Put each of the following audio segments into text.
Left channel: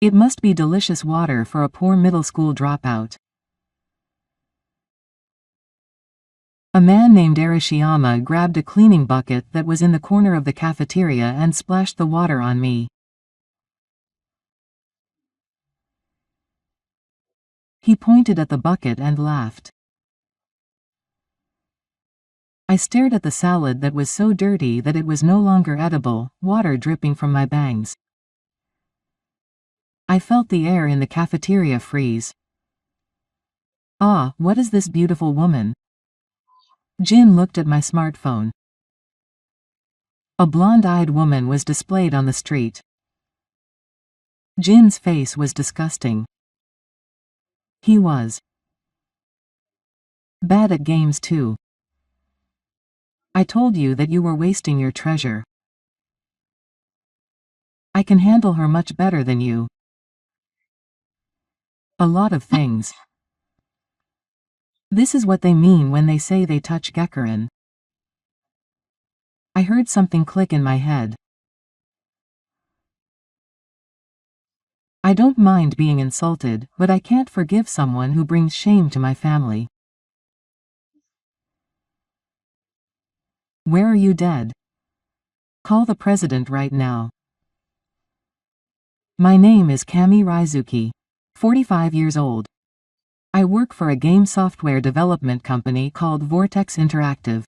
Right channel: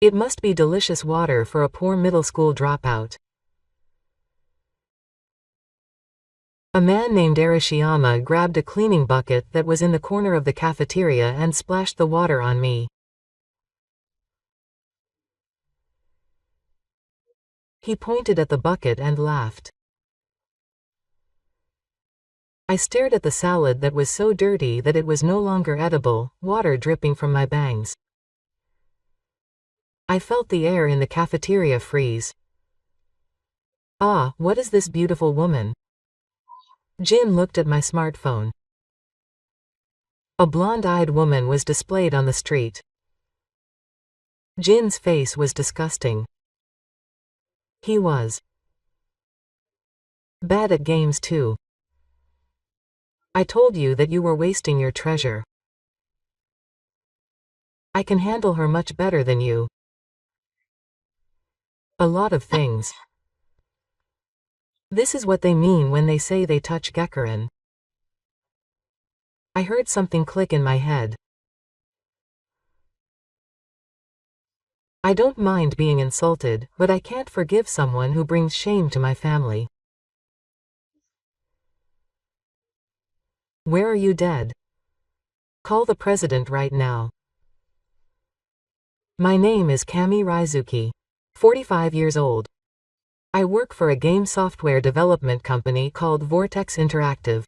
It must be delicious water for a poor middle school dropout. A man named Arashiyama grabbed a cleaning bucket that was in the corner of the cafeteria and splashed the water on me. He pointed at the bucket and laughed. I stared at the salad that was so dirty that it was no longer edible, water dripping from my bangs. I felt the air in the cafeteria freeze. Ah, what is this beautiful woman? Jin looked at my smartphone. A blonde-eyed woman was displayed on the street. Jin's face was disgusting. He was bad at games too. I told you that you were wasting your treasure. I can handle her much better than you. A lot of things. This is what they mean when they say they touch Gekuren. I heard something click in my head. I don't mind being insulted, but I can't forgive someone who brings shame to my family. Where are you dead? Call the president right now. My name is Kami Raizuki, 45 years old. I work for a game software development company called Vortex Interactive.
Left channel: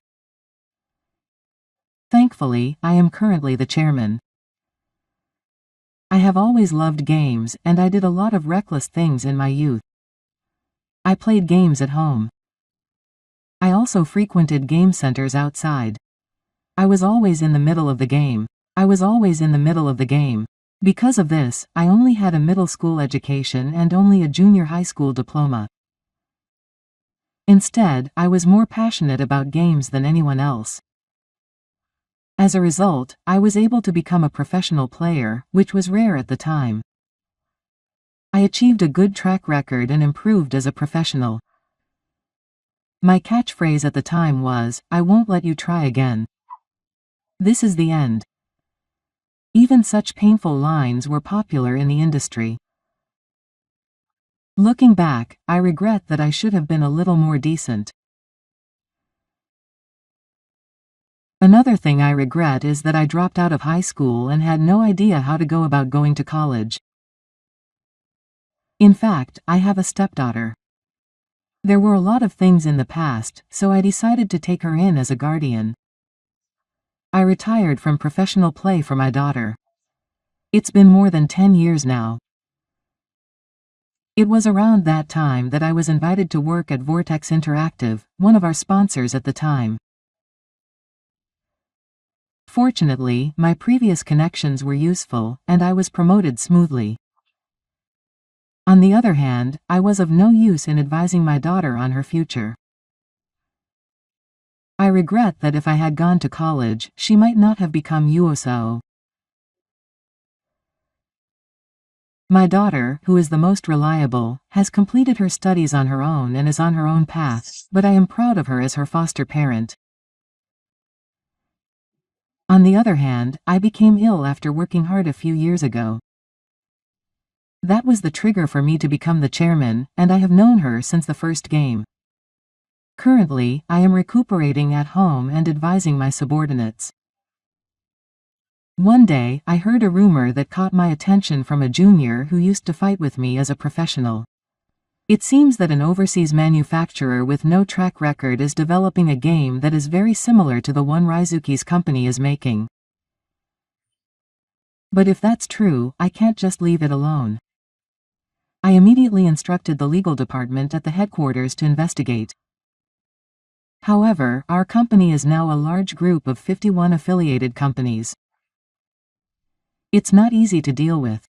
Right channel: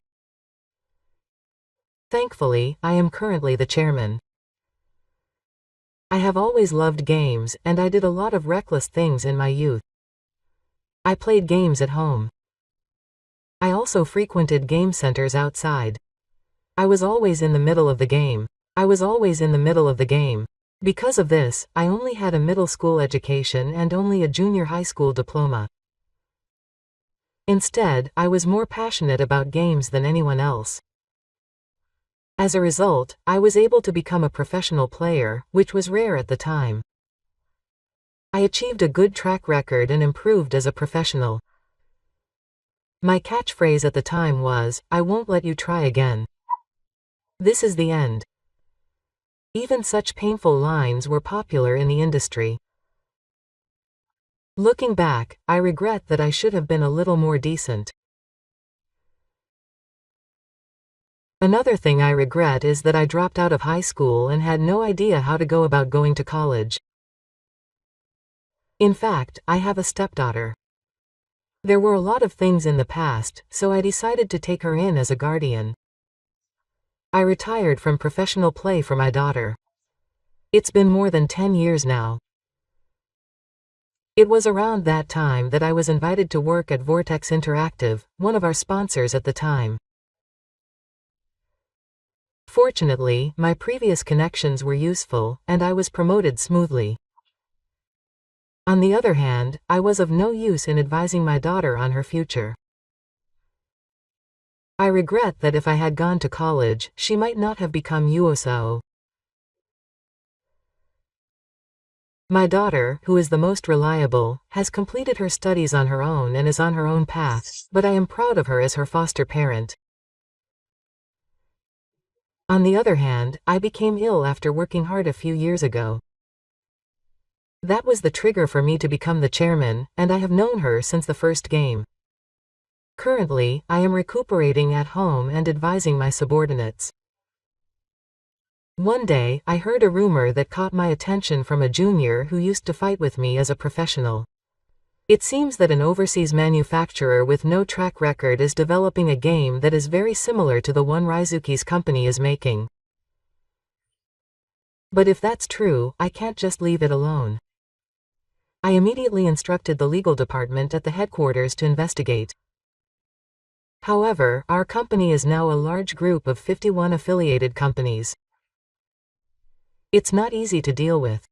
Thankfully, I am currently the chairman. I have always loved games, and I did a lot of reckless things in my youth. I played games at home. I also frequented game centers outside. I was always in the middle of the game. Because of this, I only had a middle school education and only a junior high school diploma. Instead, I was more passionate about games than anyone else. As a result, I was able to become a professional player, which was rare at the time. I achieved a good track record and improved as a professional. My catchphrase at the time was, "I won't let you try again. This is the end." Even such painful lines were popular in the industry. Looking back, I regret that I should have been a little more decent. Another thing I regret is that I dropped out of high school and had no idea how to go about going to college. In fact, I have a stepdaughter. There were a lot of things in the past, so I decided to take her in as a guardian. I retired from professional play for my daughter. It's been more than 10 years now. It was around that time that I was invited to work at Vortex Interactive, one of our sponsors at the time. Fortunately, my previous connections were useful, and I was promoted smoothly. On the other hand, I was of no use in advising my daughter on her future. I regret that if I had gone to college, she might not have become Yuosao. My daughter, who is the most reliable, has completed her studies on her own and is on her own path, but I am proud of her as her foster parent. On the other hand, I became ill after working hard a few years ago. That was the trigger for me to become the chairman, and I have known her since the first game. Currently, I am recuperating at home and advising my subordinates. One day, I heard a rumor that caught my attention from a junior who used to fight with me as a professional. It seems that an overseas manufacturer with no track record is developing a game that is very similar to the one Raizuki's company is making. But if that's true, I can't just leave it alone. I immediately instructed the legal department at the headquarters to investigate. However, our company is now a large group of 51 affiliated companies. It's not easy to deal with.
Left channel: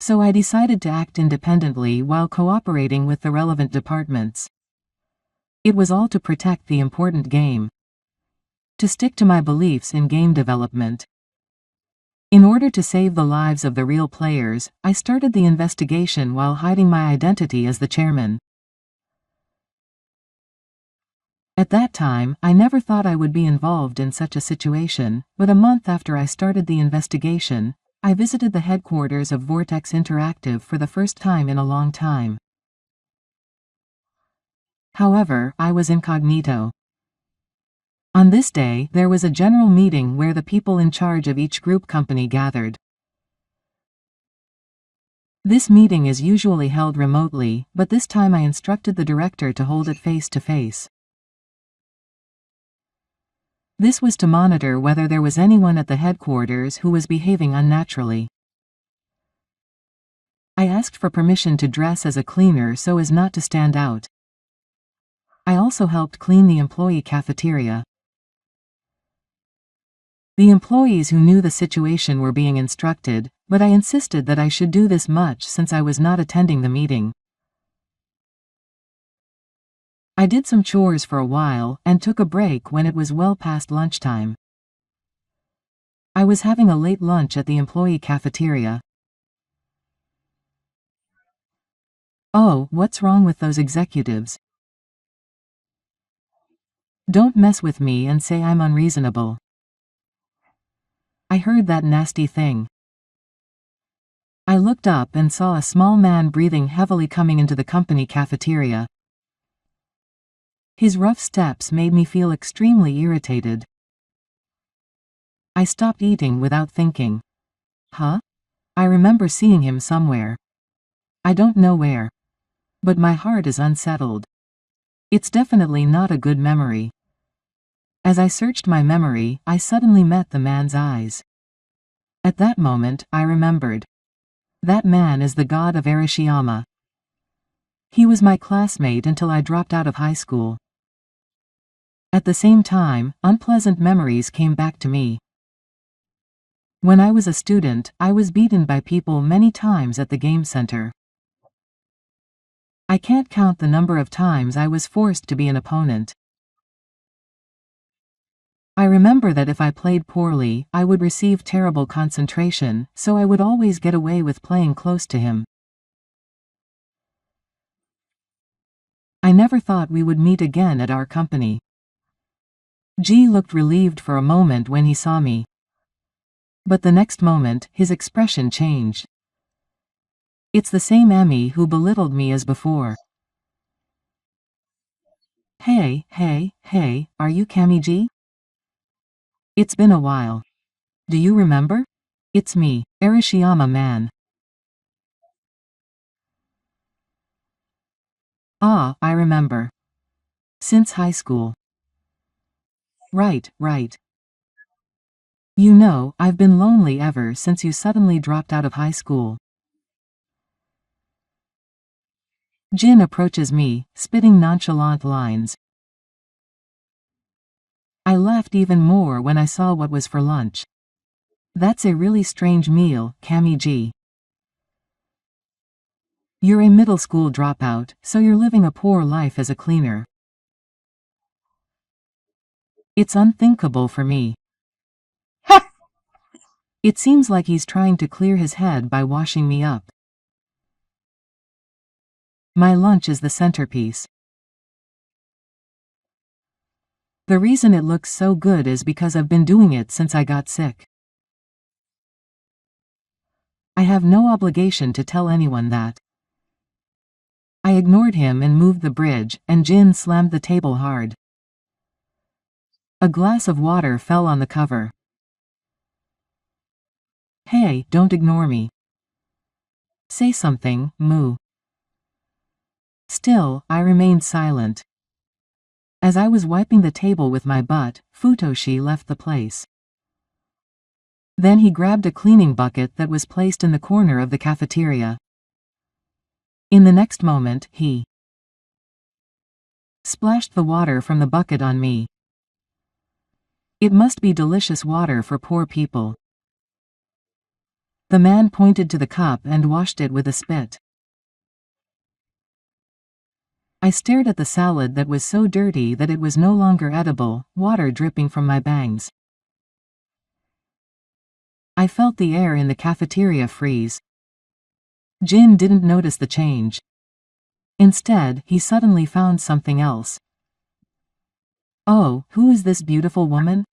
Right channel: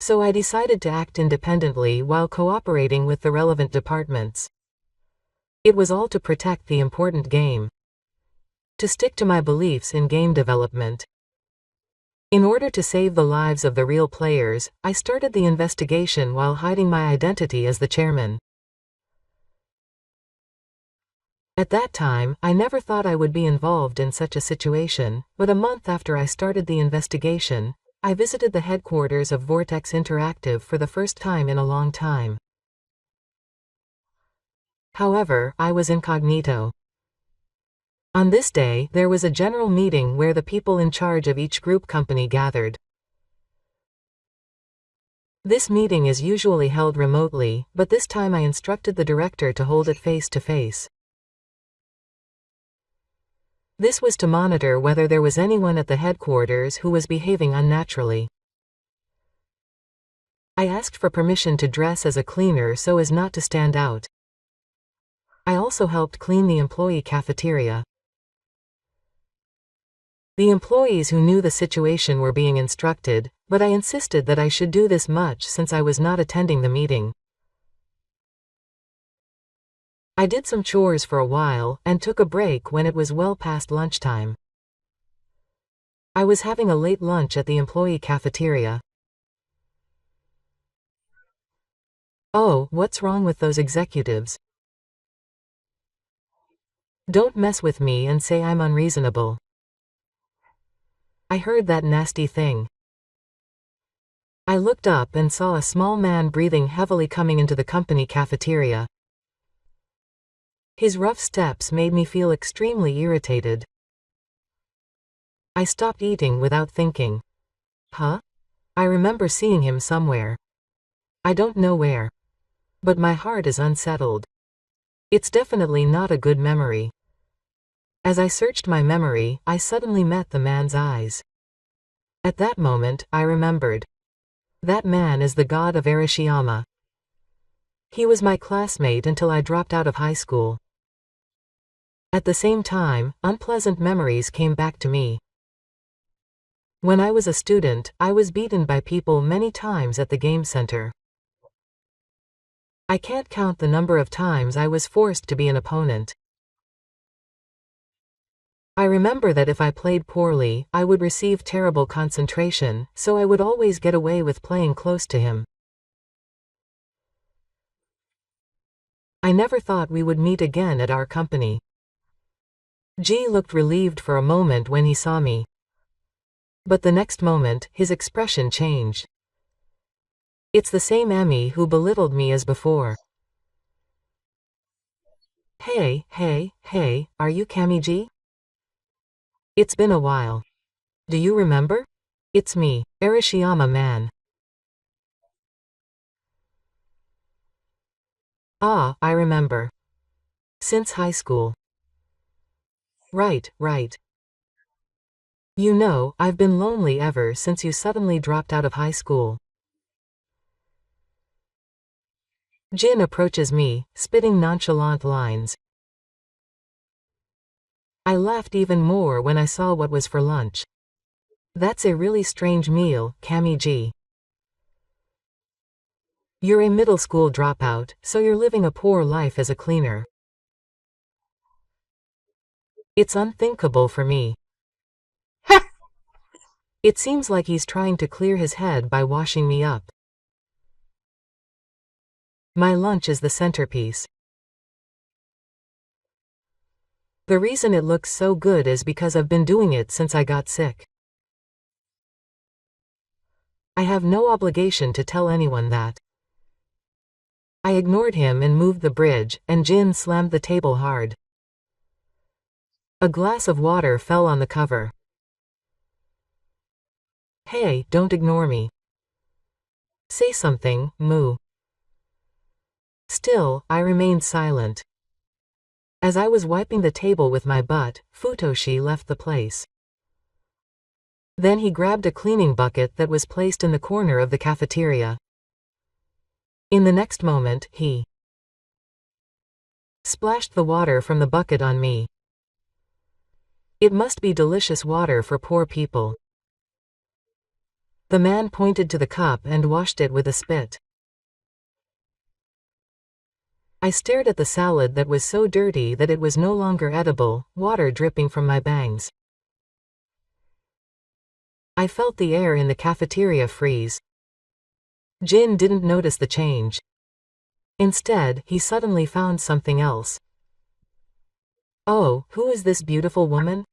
So I decided to act independently while cooperating with the relevant departments. It was all to protect the important game. To stick to my beliefs in game development. In order to save the lives of the real players, I started the investigation while hiding my identity as the chairman. At that time, I never thought I would be involved in such a situation, but a month after I started the investigation, I visited the headquarters of Vortex Interactive for the first time in a long time. However, I was incognito. On this day, there was a general meeting where the people in charge of each group company gathered. This meeting is usually held remotely, but this time I instructed the director to hold it face to face. This was to monitor whether there was anyone at the headquarters who was behaving unnaturally. I asked for permission to dress as a cleaner so as not to stand out. I also helped clean the employee cafeteria. The employees who knew the situation were being instructed, but I insisted that I should do this much since I was not attending the meeting. I did some chores for a while, and took a break when it was well past lunchtime. I was having a late lunch at the employee cafeteria. Oh, what's wrong with those executives? Don't mess with me and say I'm unreasonable. I heard that nasty thing. I looked up and saw a small man breathing heavily coming into the company cafeteria. His rough steps made me feel extremely irritated. I stopped eating without thinking. Huh? I remember seeing him somewhere. I don't know where. But my heart is unsettled. It's definitely not a good memory. As I searched my memory, I suddenly met the man's eyes. At that moment, I remembered. That man is the god of Arashiyama. He was my classmate until I dropped out of high school. At the same time, unpleasant memories came back to me. When I was a student, I was beaten by people many times at the game center. I can't count the number of times I was forced to be an opponent. I remember that if I played poorly, I would receive terrible concentration, so I would always get away with playing close to him. I never thought we would meet again at our company. G looked relieved for a moment when he saw me. But the next moment, his expression changed. It's the same Emmy who belittled me as before. Hey, are you Kami G? It's been a while. Do you remember? It's me, Arashiyama man. Ah, I remember. Since high school. Right. You know, I've been lonely ever since you suddenly dropped out of high school. Jin approaches me, spitting nonchalant lines. I laughed even more when I saw what was for lunch. That's a really strange meal, Kami G. You're a middle school dropout, so you're living a poor life as a cleaner. It's unthinkable for me. It seems like he's trying to clear his head by washing me up. My lunch is the centerpiece. The reason it looks so good is because I've been doing it since I got sick. I have no obligation to tell anyone that. I ignored him and moved the bridge, and Jin slammed the table hard. A glass of water fell on the cover. Hey, don't ignore me. Say something, Moo. Still, I remained silent. As I was wiping the table with my butt, Futoshi left the place. Then he grabbed a cleaning bucket that was placed in the corner of the cafeteria. In the next moment, he splashed the water from the bucket on me. It must be delicious water for poor people. The man pointed to the cup and washed it with a spit. I stared at the salad that was so dirty that it was no longer edible, water dripping from my bangs. I felt the air in the cafeteria freeze. Jin didn't notice the change. Instead, he suddenly found something else. Oh, who is this beautiful woman?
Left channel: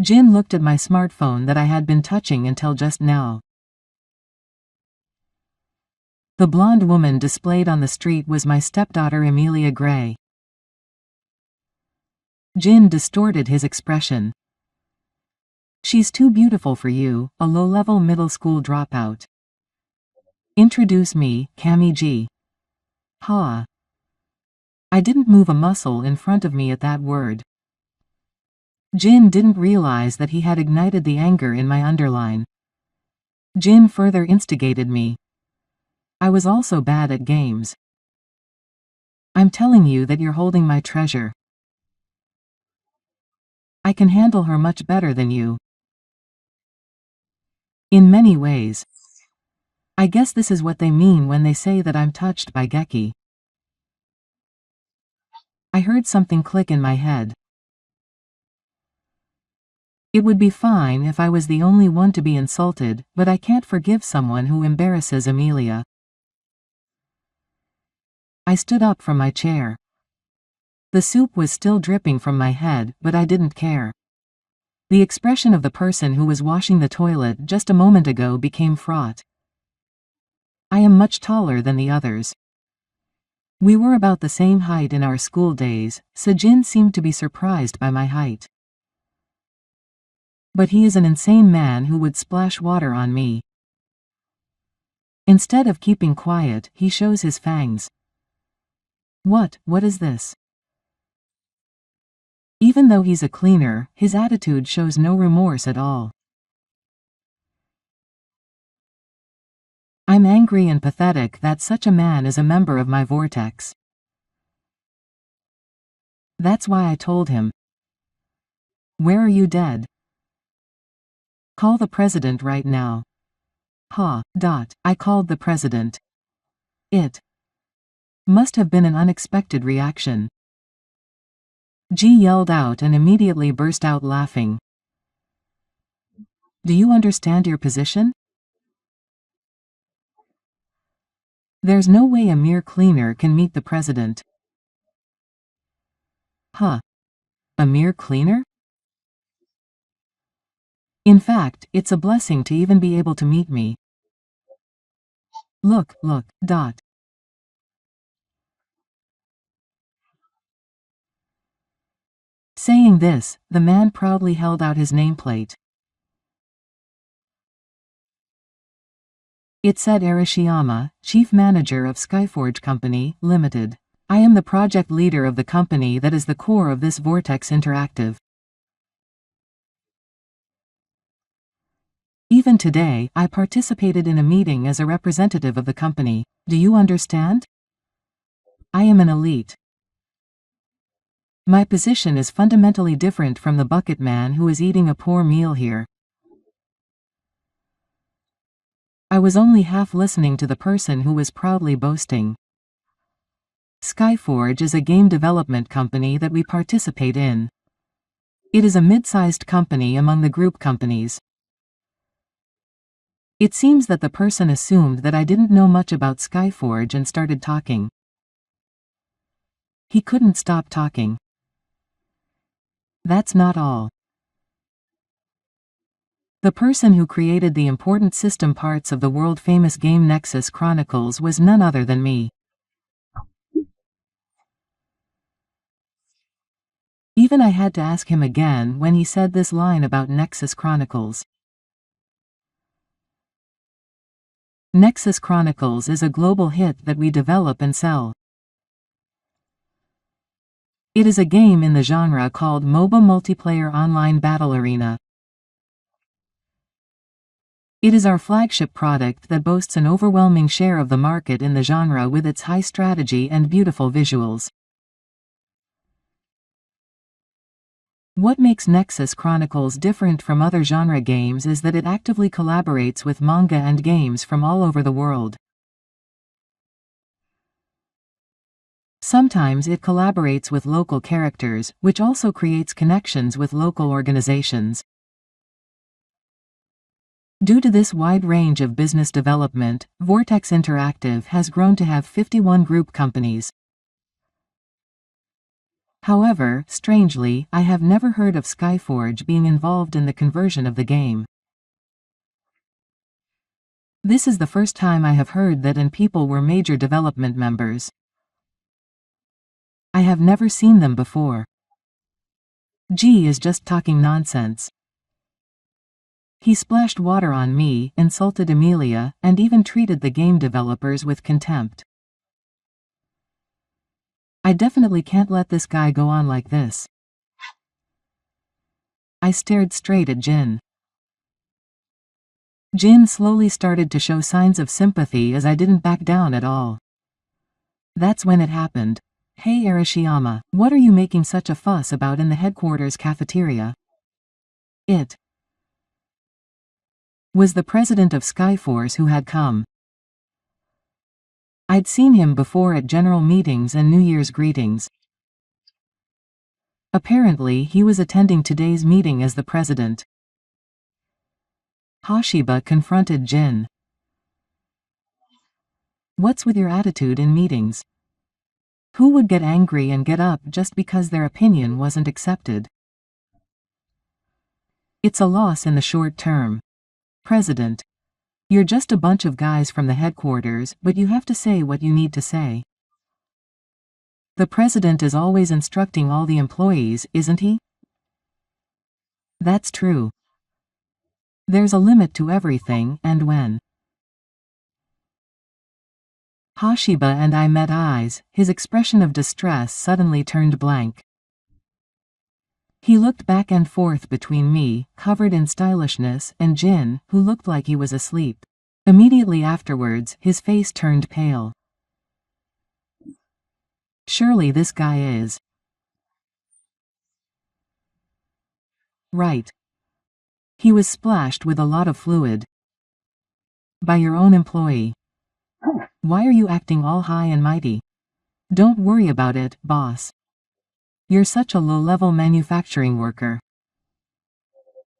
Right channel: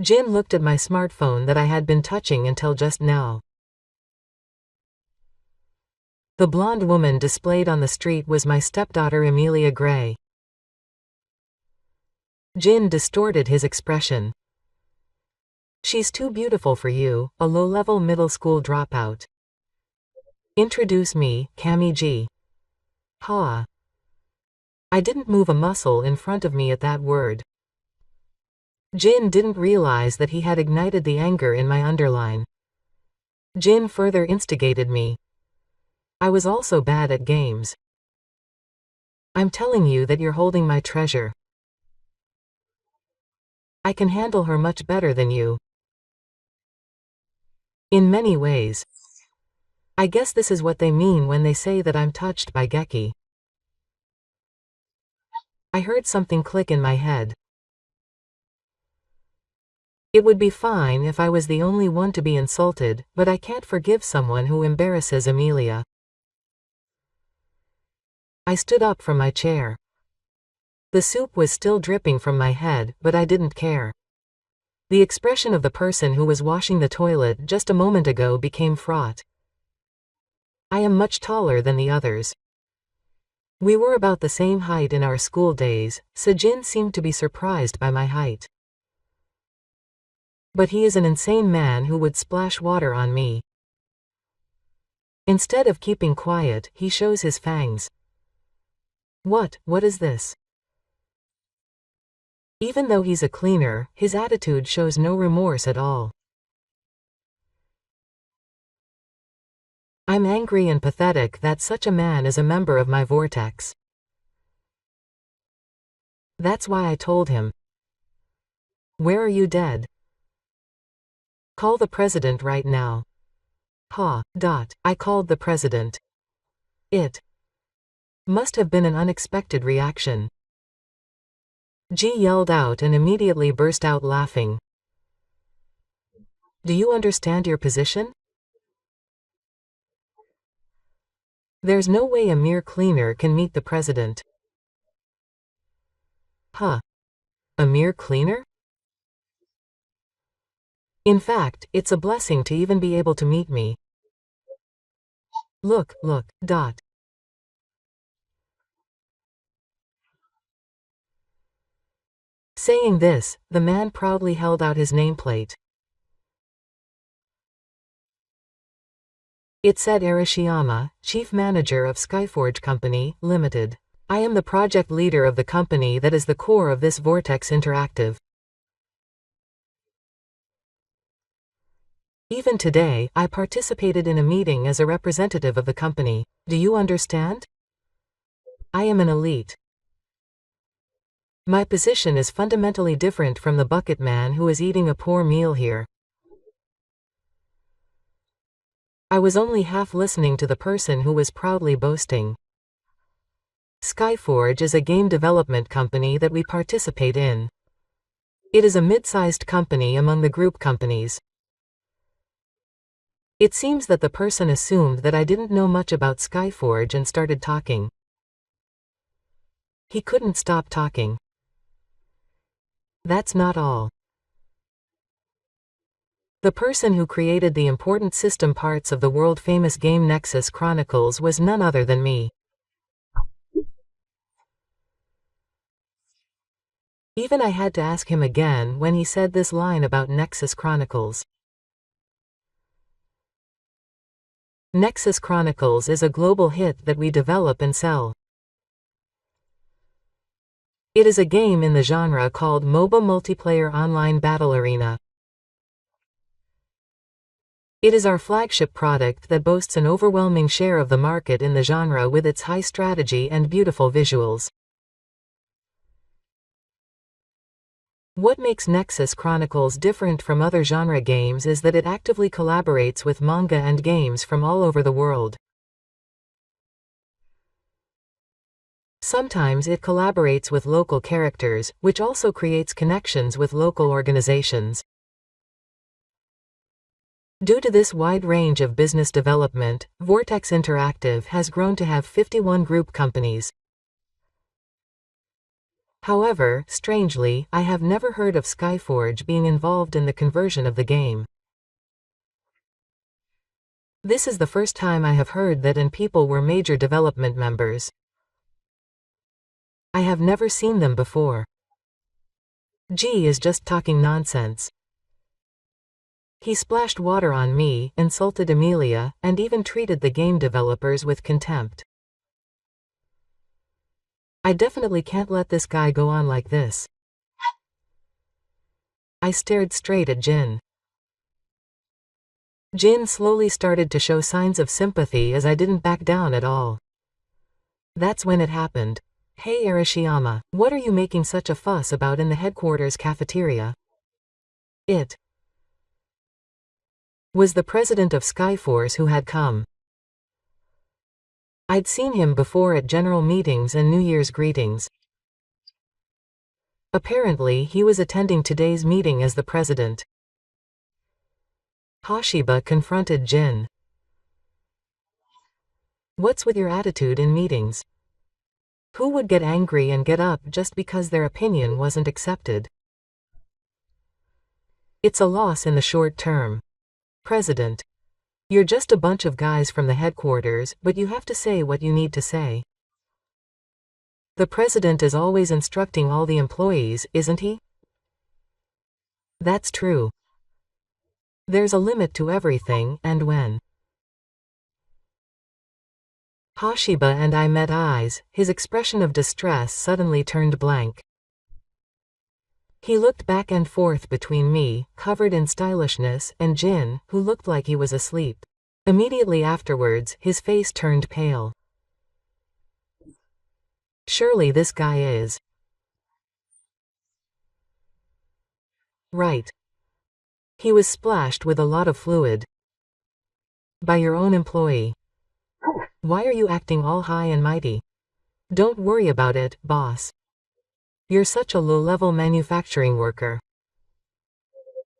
Jin looked at my smartphone that I had been touching until just now. The blonde woman displayed on the street was my stepdaughter Amelia Gray. Jin distorted his expression. She's too beautiful for you, a low-level middle school dropout. Introduce me, Cami G. Ha. I didn't move a muscle in front of me at that word. Jin didn't realize that he had ignited the anger in my underline. Jin further instigated me. I was also bad at games. I'm telling you that you're holding my treasure. I can handle her much better than you. In many ways. I guess this is what they mean when they say that I'm touched by Geki. I heard something click in my head. It would be fine if I was the only one to be insulted, but I can't forgive someone who embarrasses Amelia. I stood up from my chair. The soup was still dripping from my head, but I didn't care. The expression of the person who was washing the toilet just a moment ago became fraught. I am much taller than the others. We were about the same height in our school days, so Jin seemed to be surprised by my height. But he is an insane man who would splash water on me. Instead of keeping quiet, he shows his fangs. What is this? Even though he's a cleaner, his attitude shows no remorse at all. I'm angry and pathetic that such a man is a member of my vortex. That's why I told him. Where are you dead? Call the president right now. I called the president. It must have been an unexpected reaction. G yelled out and immediately burst out laughing. Do you understand your position? There's no way a mere cleaner can meet the president. A mere cleaner? In fact, it's a blessing to even be able to meet me. Look. Saying this, the man proudly held out his nameplate. It said Arashiyama, Chief Manager of Skyforge Company, Limited. I am the project leader of the company that is the core of this Vortex Interactive. Even today, I participated in a meeting as a representative of the company. Do you understand? I am an elite. My position is fundamentally different from the bucket man who is eating a poor meal here. I was only half listening to the person who was proudly boasting. Skyforge is a game development company that we participate in. It is a mid-sized company among the group companies. It seems that the person assumed that I didn't know much about Skyforge and started talking. He couldn't stop talking. That's not all. The person who created the important system parts of the world-famous game Nexus Chronicles was none other than me. Even I had to ask him again when he said this line about Nexus Chronicles. Nexus Chronicles is a global hit that we develop and sell. It is a game in the genre called MOBA Multiplayer Online Battle Arena. It is our flagship product that boasts an overwhelming share of the market in the genre with its high strategy and beautiful visuals. What makes Nexus Chronicles different from other genre games is that it actively collaborates with manga and games from all over the world. Sometimes it collaborates with local characters, which also creates connections with local organizations. Due to this wide range of business development, Vortex Interactive has grown to have 51 group companies. However, strangely, I have never heard of Skyforge being involved in the conversion of the game. This is the first time I have heard that and people were major development members. I have never seen them before. G is just talking nonsense. He splashed water on me, insulted Amelia, and even treated the game developers with contempt. I definitely can't let this guy go on like this. I stared straight at Jin. Jin slowly started to show signs of sympathy as I didn't back down at all. That's when it happened. Hey Arashiyama, what are you making such a fuss about in the headquarters cafeteria? It was the president of Skyforce who had come. I'd seen him before at general meetings and New Year's greetings. Apparently he was attending today's meeting as the president. Hashiba confronted Jin. What's with your attitude in meetings? Who would get angry and get up just because their opinion wasn't accepted? It's a loss in the short term. President. You're just a bunch of guys from the headquarters, but you have to say what you need to say. The president is always instructing all the employees, isn't he? That's true. There's a limit to everything, and when Hashiba and I met eyes, his expression of distress suddenly turned blank. He looked back and forth between me, covered in stylishness, and Jin, who looked like he was asleep. Immediately afterwards, his face turned pale. Surely this guy is right. He was splashed with a lot of fluid. By your own employee. Why are you acting all high and mighty? Don't worry about it, boss. You're such a low-level manufacturing worker.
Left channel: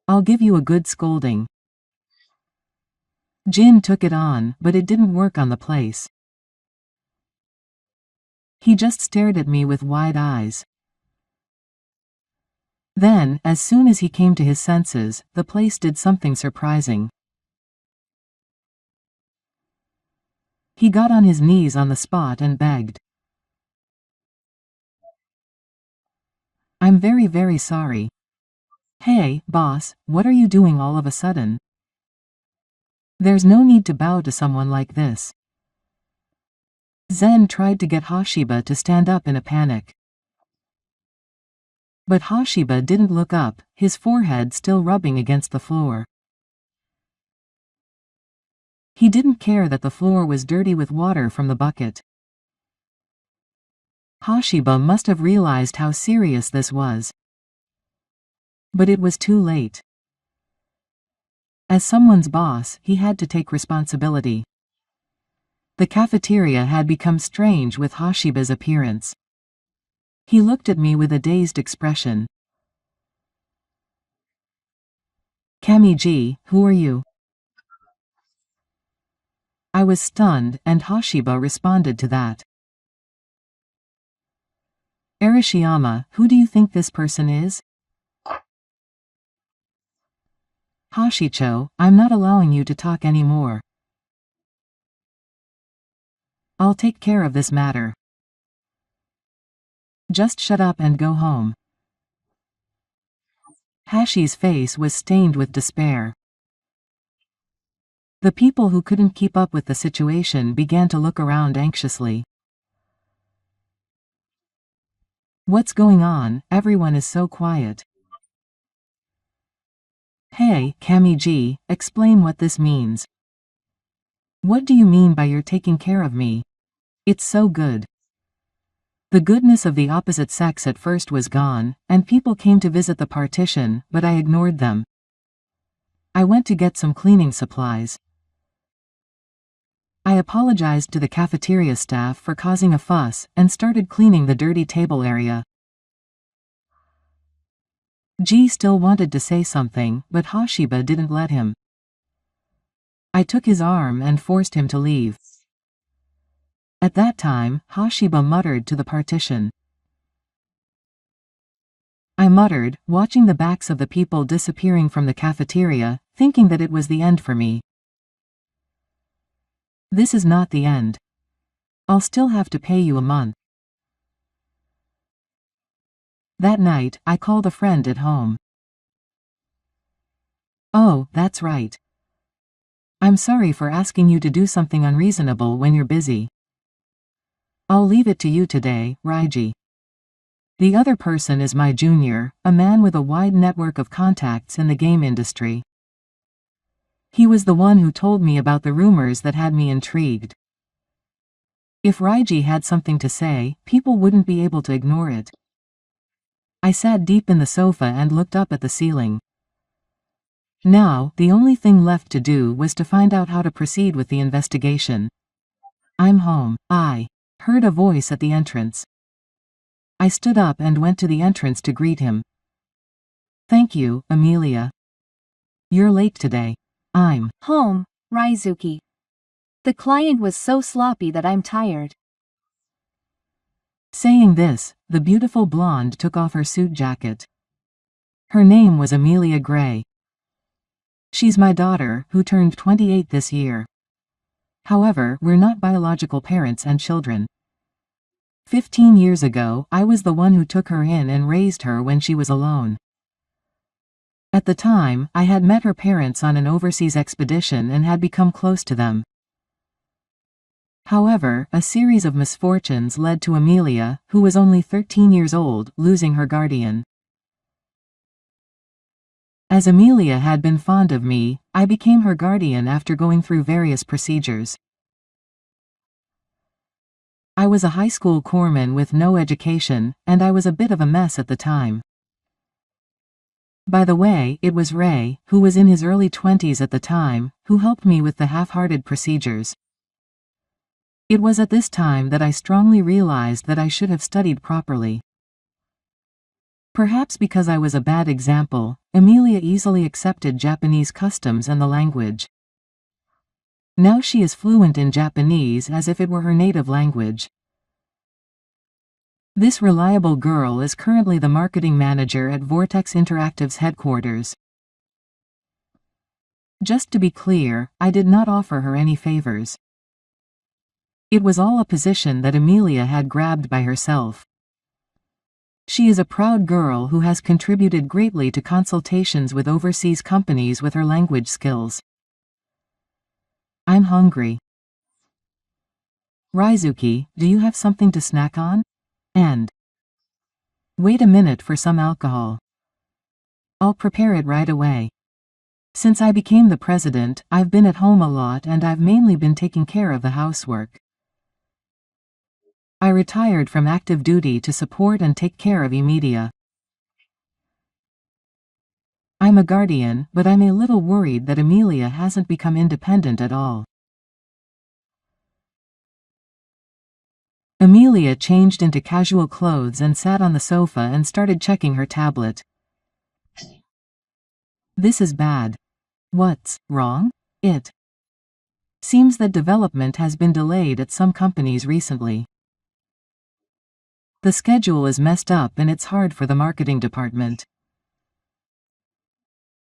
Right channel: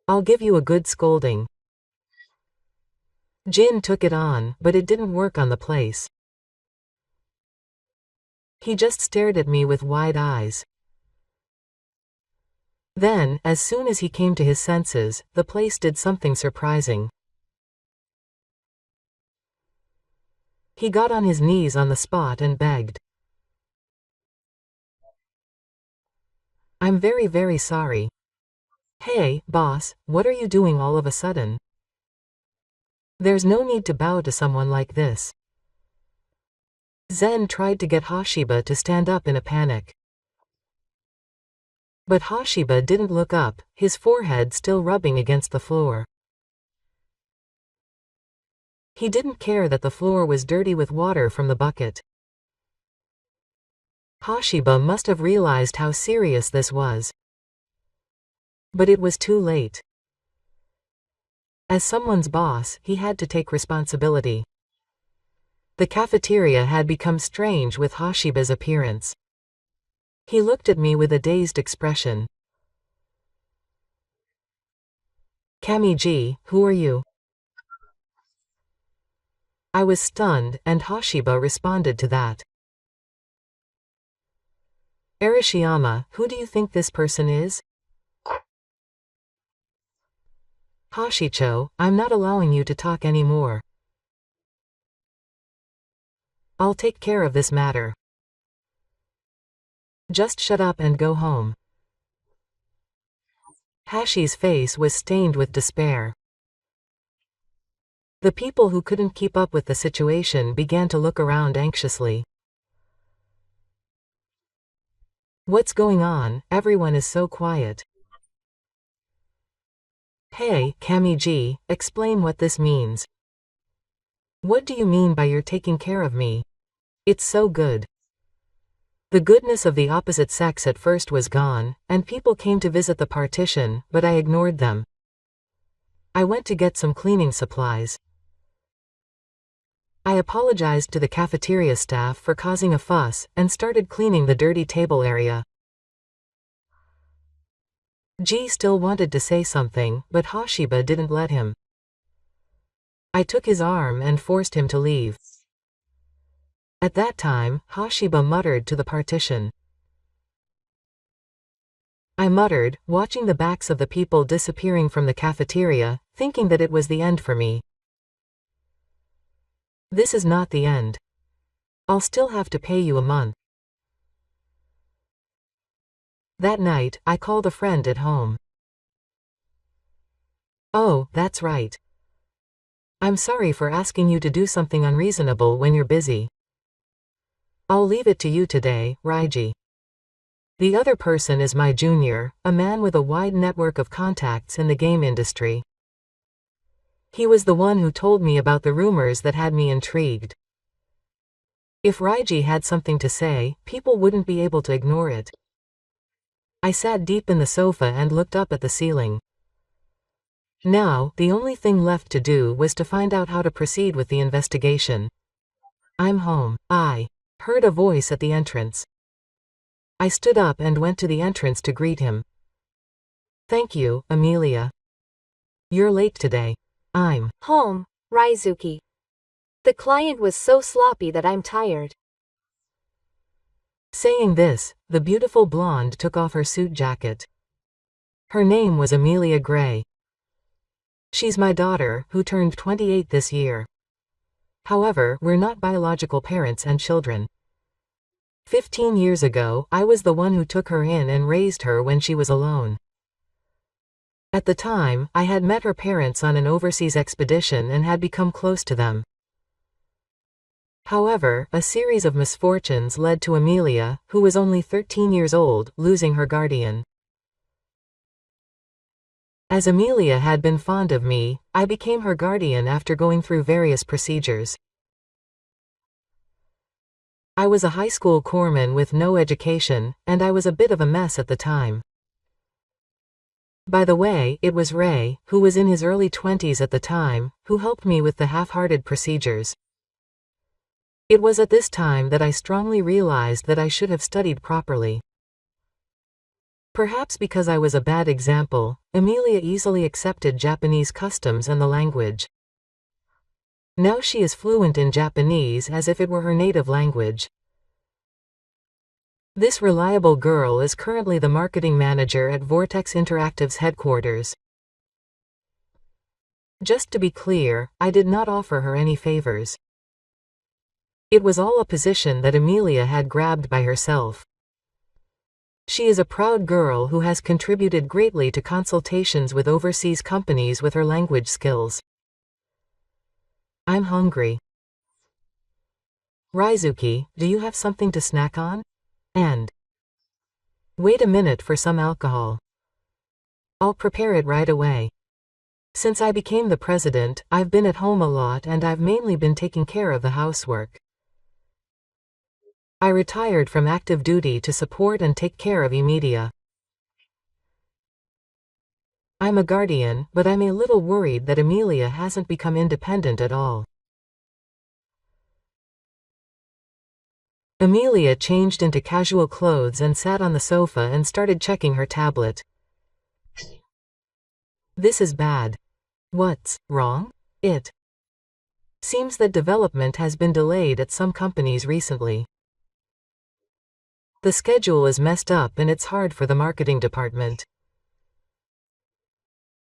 I'll give you a good scolding. Jin took it on, but it didn't work on the place. He just stared at me with wide eyes. Then, as soon as he came to his senses, the place did something surprising. He got on his knees on the spot and begged. I'm very, very sorry. Hey, boss, what are you doing all of a sudden? There's no need to bow to someone like this. Zen tried to get Hashiba to stand up in a panic. But Hashiba didn't look up, his forehead still rubbing against the floor. He didn't care that the floor was dirty with water from the bucket. Hashiba must have realized how serious this was. But it was too late. As someone's boss, he had to take responsibility. The cafeteria had become strange with Hashiba's appearance. He looked at me with a dazed expression. Kamiji, who are you? I was stunned, and Hashiba responded to that. Arashiyama, who do you think this person is? Hashicho, I'm not allowing you to talk anymore. I'll take care of this matter. Just shut up and go home. Hashi's face was stained with despair. The people who couldn't keep up with the situation began to look around anxiously. What's going on? Everyone is so quiet. Hey, Kamiji, explain what this means. What do you mean by you're taking care of me? It's so good. The goodness of the opposite sex at first was gone, and people came to visit the partition, but I ignored them. I went to get some cleaning supplies. I apologized to the cafeteria staff for causing a fuss, and started cleaning the dirty table area. G still wanted to say something, but Hashiba didn't let him. I took his arm and forced him to leave. At that time, Hashiba muttered to the partition. I muttered, watching the backs of the people disappearing from the cafeteria, thinking that it was the end for me. This is not the end. I'll still have to pay you a month. That night, I called a friend at home. Oh, that's right. I'm sorry for asking you to do something unreasonable when you're busy. I'll leave it to you today, Raiji. The other person is my junior, a man with a wide network of contacts in the game industry. He was the one who told me about the rumors that had me intrigued. If Raiji had something to say, people wouldn't be able to ignore it. I sat deep in the sofa and looked up at the ceiling. Now, the only thing left to do was to find out how to proceed with the investigation. I'm home. I heard a voice at the entrance. I stood up and went to the entrance to greet him. Thank you, Amelia. You're late today. I'm home, Raizuki. The client was so sloppy that I'm tired. Saying this, the beautiful blonde took off her suit jacket. Her name was Amelia Gray. She's my daughter, who turned 28 this year. However, we're not biological parents and children. 15 years ago, I was the one who took her in and raised her when she was alone. At the time, I had met her parents on an overseas expedition and had become close to them. However, a series of misfortunes led to Amelia, who was only 13 years old, losing her guardian. As Amelia had been fond of me, I became her guardian after going through various procedures. I was a high school corpsman with no education, and I was a bit of a mess at the time. By the way, it was Ray, who was in his early 20s at the time, who helped me with the half-hearted procedures. It was at this time that I strongly realized that I should have studied properly. Perhaps because I was a bad example, Amelia easily accepted Japanese customs and the language. Now she is fluent in Japanese as if it were her native language. This reliable girl is currently the marketing manager at Vortex Interactive's headquarters. Just to be clear, I did not offer her any favors. It was all a position that Amelia had grabbed by herself. She is a proud girl who has contributed greatly to consultations with overseas companies with her language skills. I'm hungry. Raizuki, do you have something to snack on? And wait a minute for some alcohol. I'll prepare it right away. Since I became the president, I've been at home a lot and I've mainly been taking care of the housework. I retired from active duty to support and take care of Emilia. I'm a guardian, but I'm a little worried that Amelia hasn't become independent at all. Amelia changed into casual clothes and sat on the sofa and started checking her tablet. This is bad. What's wrong? It seems that development has been delayed at some companies recently. The schedule is messed up and it's hard for the marketing department.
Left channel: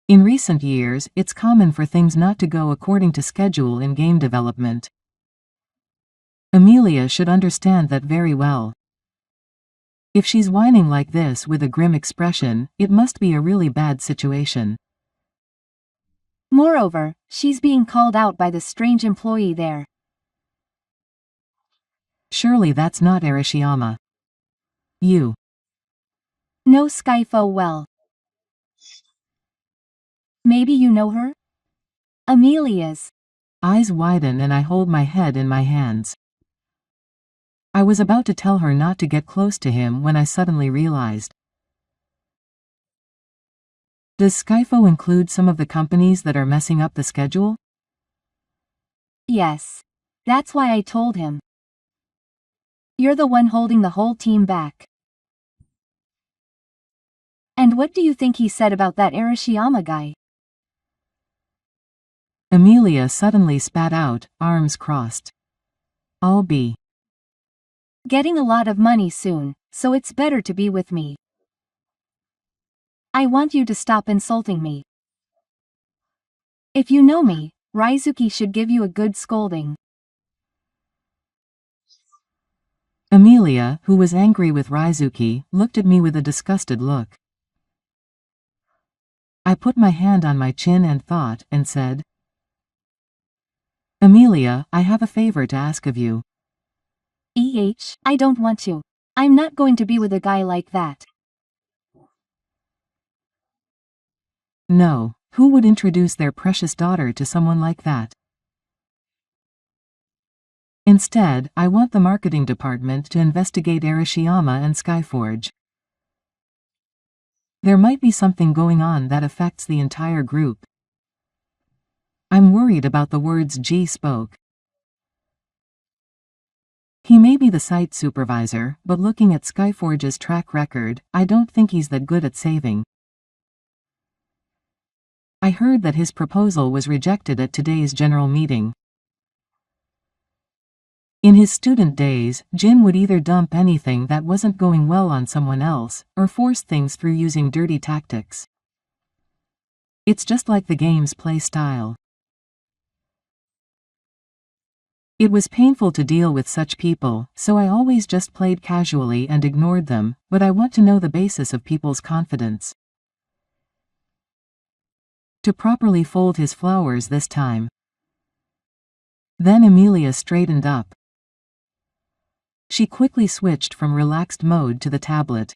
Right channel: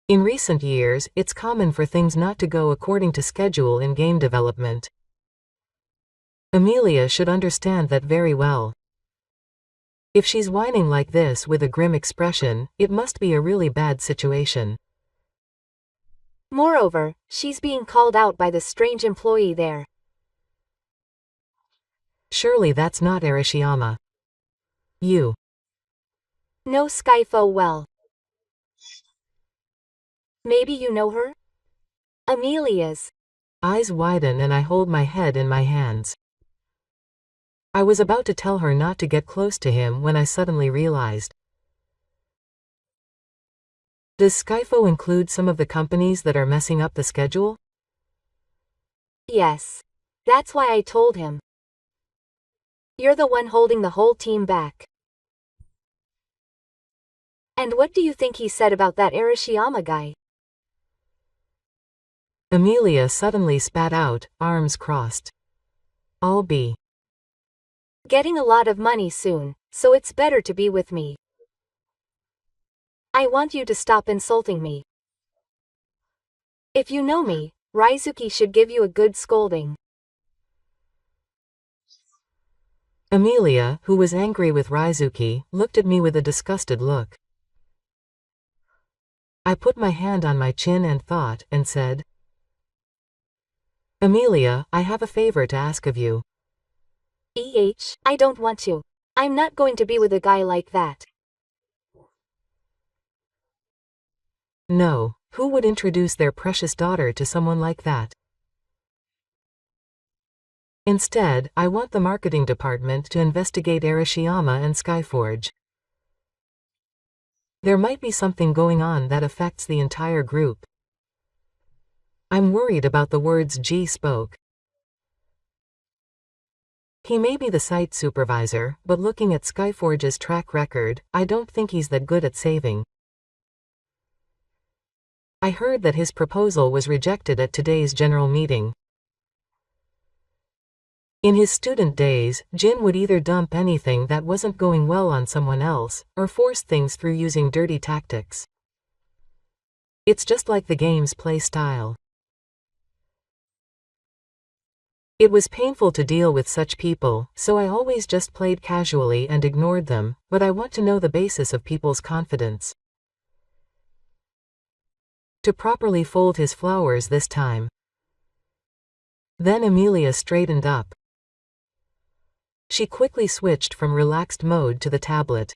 In recent years, it's common for things not to go according to schedule in game development. Amelia should understand that very well. If she's whining like this with a grim expression, it must be a really bad situation. Moreover, she's being called out by the strange employee there. Surely that's not Arashiyama. You know Skyfo well. Maybe you know her? Amelia's eyes widen and I hold my head in my hands. I was about to tell her not to get close to him when I suddenly realized. Does Skyfo include some of the companies that are messing up the schedule? Yes. That's why I told him. You're the one holding the whole team back. And what do you think he said about that Arashiyama guy? Amelia suddenly spat out, arms crossed. I'll be getting a lot of money soon, so it's better to be with me. I want you to stop insulting me. If you know me, Raizuki should give you a good scolding. Amelia, who was angry with Raizuki, looked at me with a disgusted look. I put my hand on my chin and thought, and said, Amelia, I have a favor to ask of you. I don't want to. I'm not going to be with a guy like that. No, who would introduce their precious daughter to someone like that? Instead, I want the marketing department to investigate Arashiyama and Skyforge. There might be something going on that affects the entire group. I'm worried about the words G spoke. He may be the site supervisor, but looking at Skyforge's track record, I don't think he's that good at saving. I heard that his proposal was rejected at today's general meeting. In his student days, Jin would either dump anything that wasn't going well on someone else, or force things through using dirty tactics. It's just like the game's play style. It was painful to deal with such people, so I always just played casually and ignored them, but I want to know the basis of people's confidence. To properly fold his flowers this time. Then Amelia straightened up. She quickly switched from relaxed mode to the tablet.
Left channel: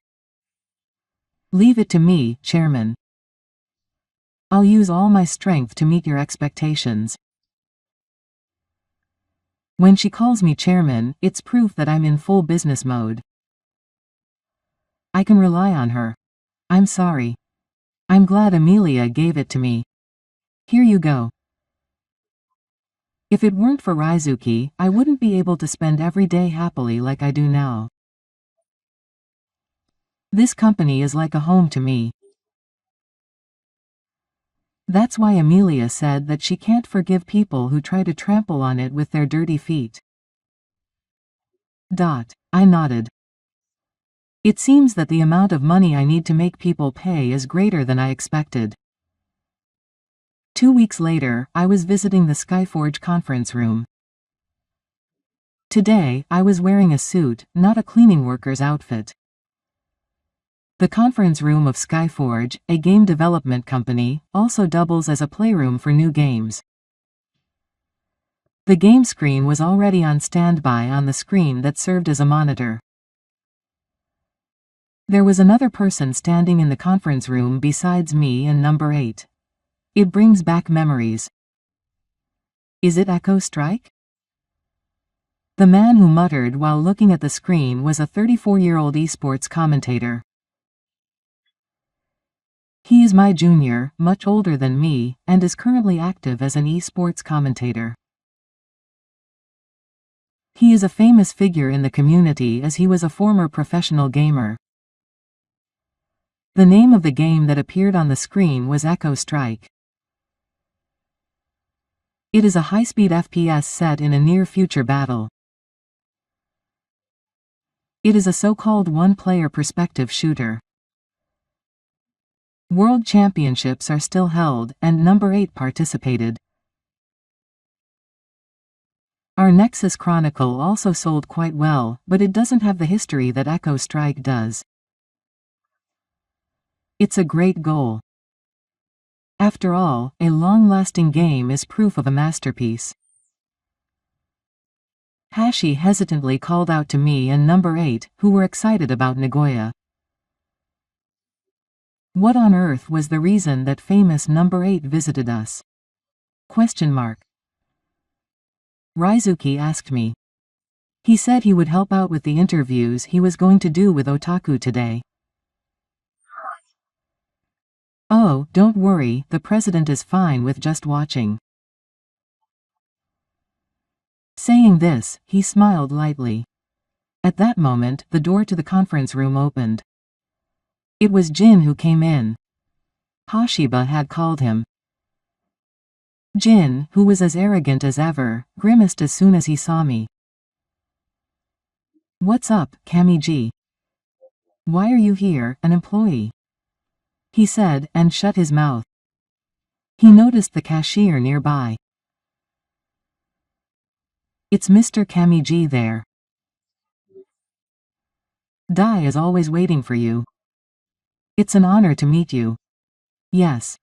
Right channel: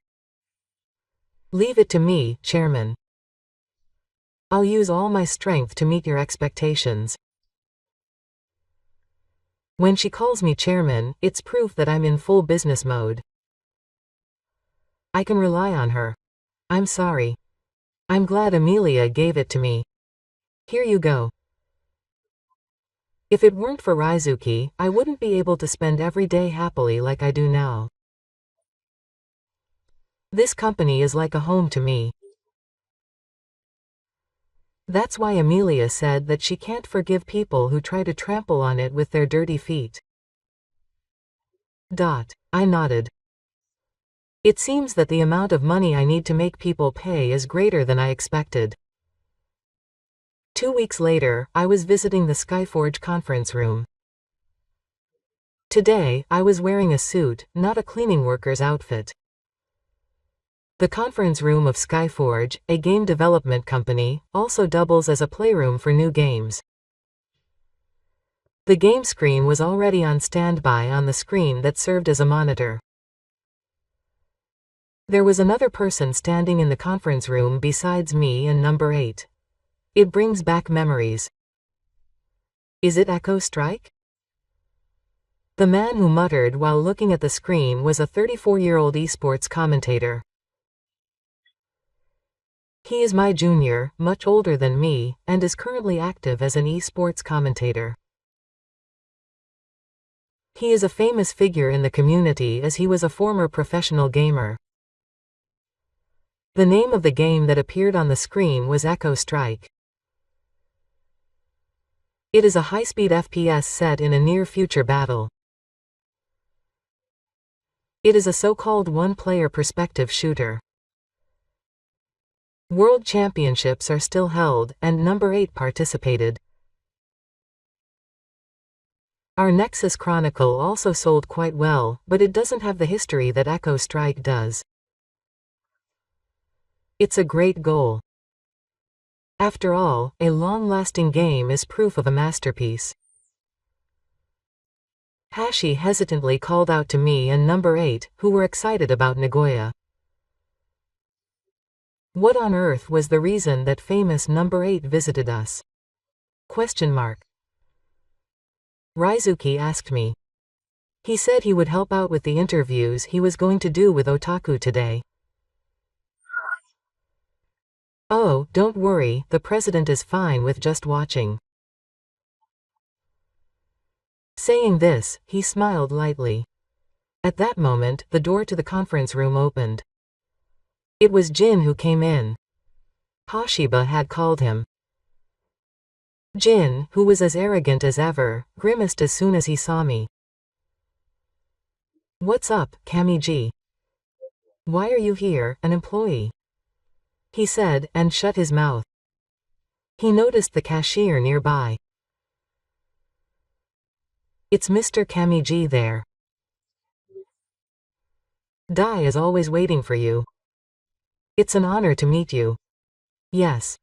Leave it to me, Chairman. I'll use all my strength to meet your expectations. When she calls me Chairman, it's proof that I'm in full business mode. I can rely on her. I'm sorry. I'm glad Amelia gave it to me. Here you go. If it weren't for Raizuki, I wouldn't be able to spend every day happily like I do now. This company is like a home to me. That's why Amelia said that she can't forgive people who try to trample on it with their dirty feet. I nodded. It seems that the amount of money I need to make people pay is greater than I expected. 2 weeks later, I was visiting the Skyforge conference room. Today, I was wearing a suit, not a cleaning worker's outfit. The conference room of Skyforge, a game development company, also doubles as a playroom for new games. The game screen was already on standby on the screen that served as a monitor. There was another person standing in the conference room besides me and number 8. It brings back memories. Is it Echo Strike? The man who muttered while looking at the screen was a 34-year-old esports commentator. He is my junior, much older than me, and is currently active as an esports commentator. He is a famous figure in the community as he was a former professional gamer. The name of the game that appeared on the screen was Echo Strike. It is a high-speed FPS set in a near-future battle. It is a so-called one-player perspective shooter. World Championships are still held, and number 8 participated. Our Nexus Chronicle also sold quite well, but it doesn't have the history that Echo Strike does. It's a great goal. After all, a long-lasting game is proof of a masterpiece. Hashi hesitantly called out to me and number 8, who were excited about Nagoya. What on earth was the reason that famous number 8 visited us? Raizuki asked me. He said he would help out with the interviews he was going to do with Otaku today. Oh, don't worry, the president is fine with just watching. Saying this, he smiled lightly. At that moment, the door to the conference room opened. It was Jin who came in. Hashiba had called him. Jin, who was as arrogant as ever, grimaced as soon as he saw me. What's up, Kamiji? Why are you here, an employee? he said, and shut his mouth. He noticed the cashier nearby. It's Mr. Kamiji there. Dai is always waiting for you. It's an honor to meet you. Yes.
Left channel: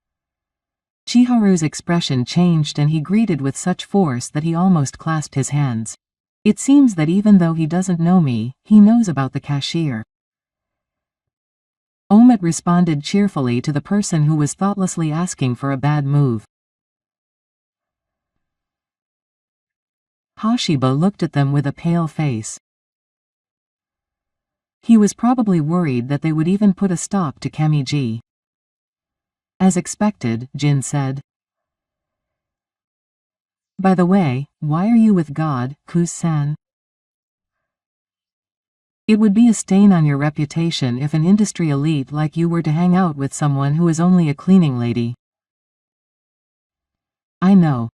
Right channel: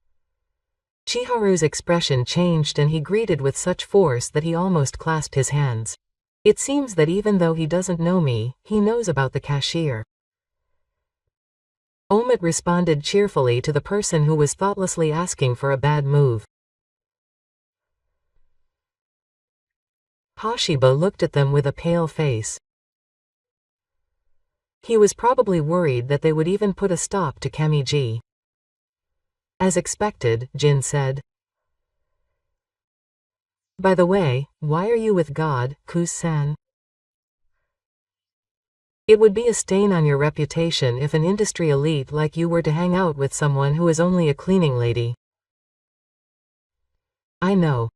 Chiharu's expression changed and he greeted with such force that he almost clasped his hands. It seems that even though he doesn't know me, he knows about the cashier. Omid responded cheerfully to the person who was thoughtlessly asking for a bad move. Hashiba looked at them with a pale face. He was probably worried that they would even put a stop to Kamiji. As expected, Jin said. By the way, why are you with God, Kuz-san? It would be a stain on your reputation if an industry elite like you were to hang out with someone who is only a cleaning lady. I know.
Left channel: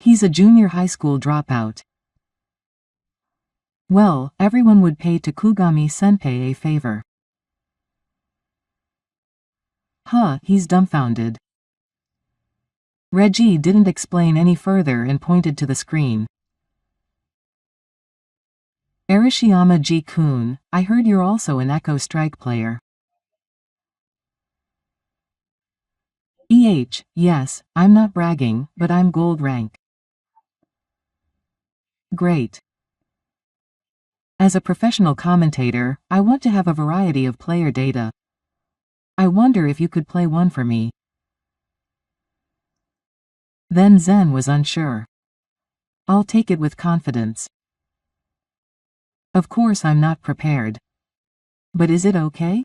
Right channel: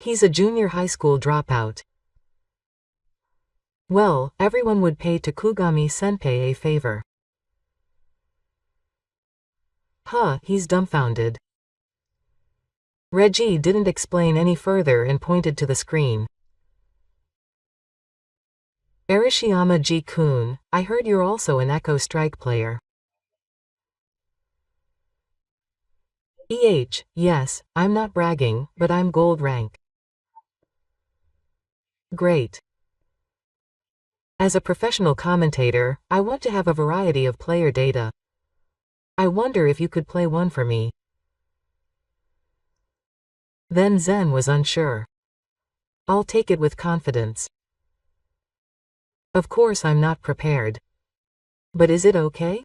He's a junior high school dropout. Well, everyone would pay Takugami-senpai a favor. Huh, he's dumbfounded. Reggie didn't explain any further and pointed to the screen. Arashiyama Ji-kun, I heard you're also an Echo Strike player. Yes, I'm not bragging, but I'm gold rank. Great. As a professional commentator, I want to have a variety of player data. I wonder if you could play one for me. Then Zen was unsure. I'll take it with confidence. Of course I'm not prepared. But is it okay?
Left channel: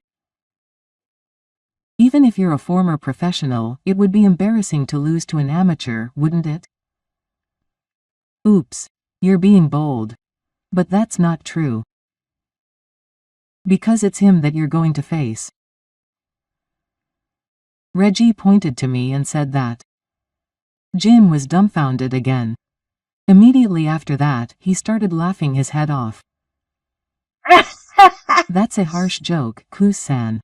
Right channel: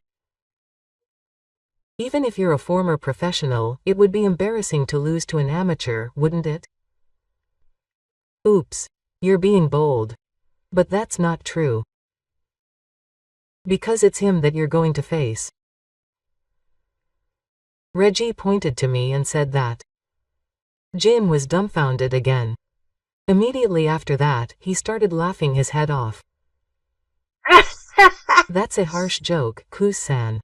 Even if you're a former professional, it would be embarrassing to lose to an amateur, wouldn't it? Oops. You're being bold. But that's not true. Because it's him that you're going to face. Reggie pointed to me and said that. Jin was dumbfounded again. Immediately after that, he started laughing his head off. That's a harsh joke, Kuz-san.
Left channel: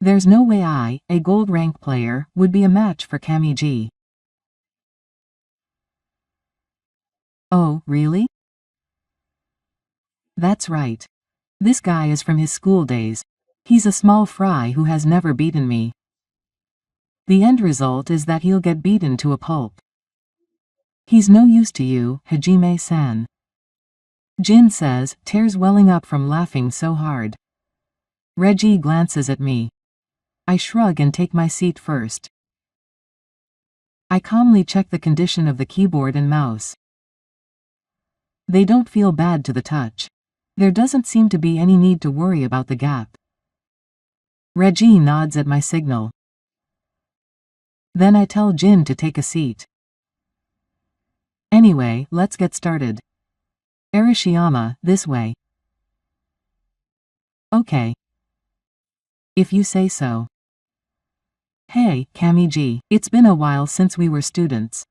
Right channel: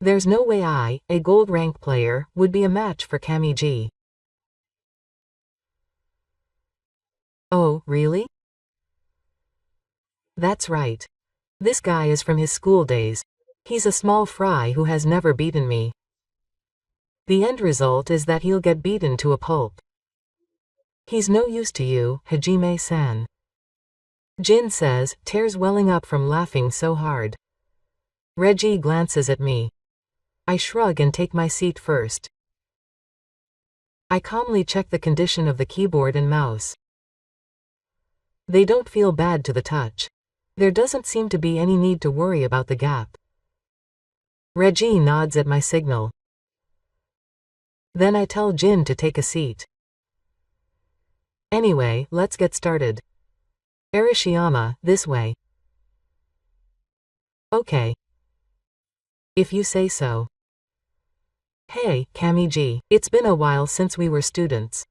There's no way I, a gold rank player, would be a match for Kamiji. Oh, really? That's right. This guy is from his school days. He's a small fry who has never beaten me. The end result is that he'll get beaten to a pulp. He's no use to you, Hajime-san. Jin says, tears welling up from laughing so hard. Reggie glances at me. I shrug and take my seat first. I calmly check the condition of the keyboard and mouse. They don't feel bad to the touch. There doesn't seem to be any need to worry about the gap. Reggie nods at my signal. Then I tell Jin to take a seat. Anyway, let's get started. Arashiyama, this way. Okay. If you say so. Hey, Kamiji, it's been a while since we were students.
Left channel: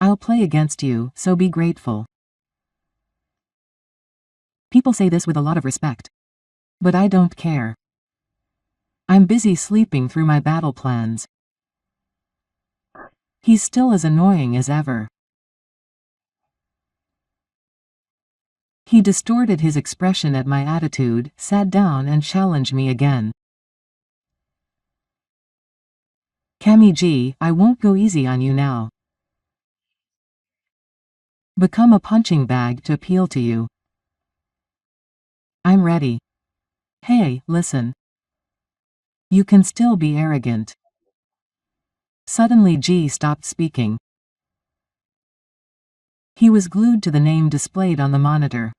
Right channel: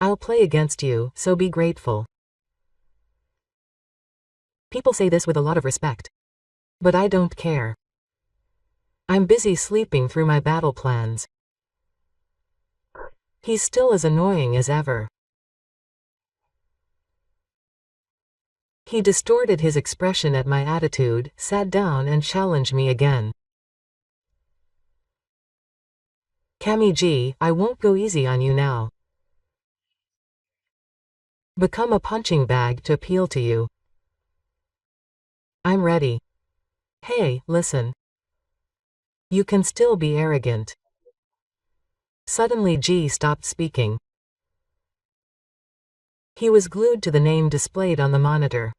I'll play against you, so be grateful. People say this with a lot of respect. But I don't care. I'm busy sleeping through my battle plans. He's still as annoying as ever. He distorted his expression at my attitude, sat down and challenged me again. Kamiji, I won't go easy on you now. Become a punching bag to appeal to you. I'm ready. Hey, listen. You can still be arrogant. Suddenly G stopped speaking. He was glued to the name displayed on the monitor.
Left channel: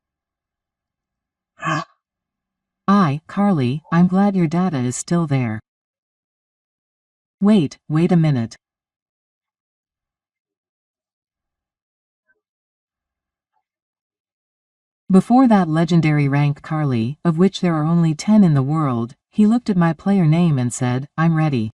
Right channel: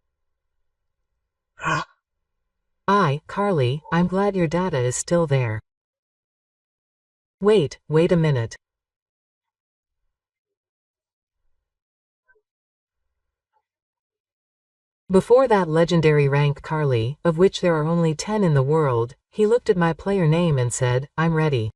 Carly, I'm glad your data is still there. Wait a minute. Before that legendary rank Carly, of which there are only 10 in the world, he looked at my player name and said, I'm ready.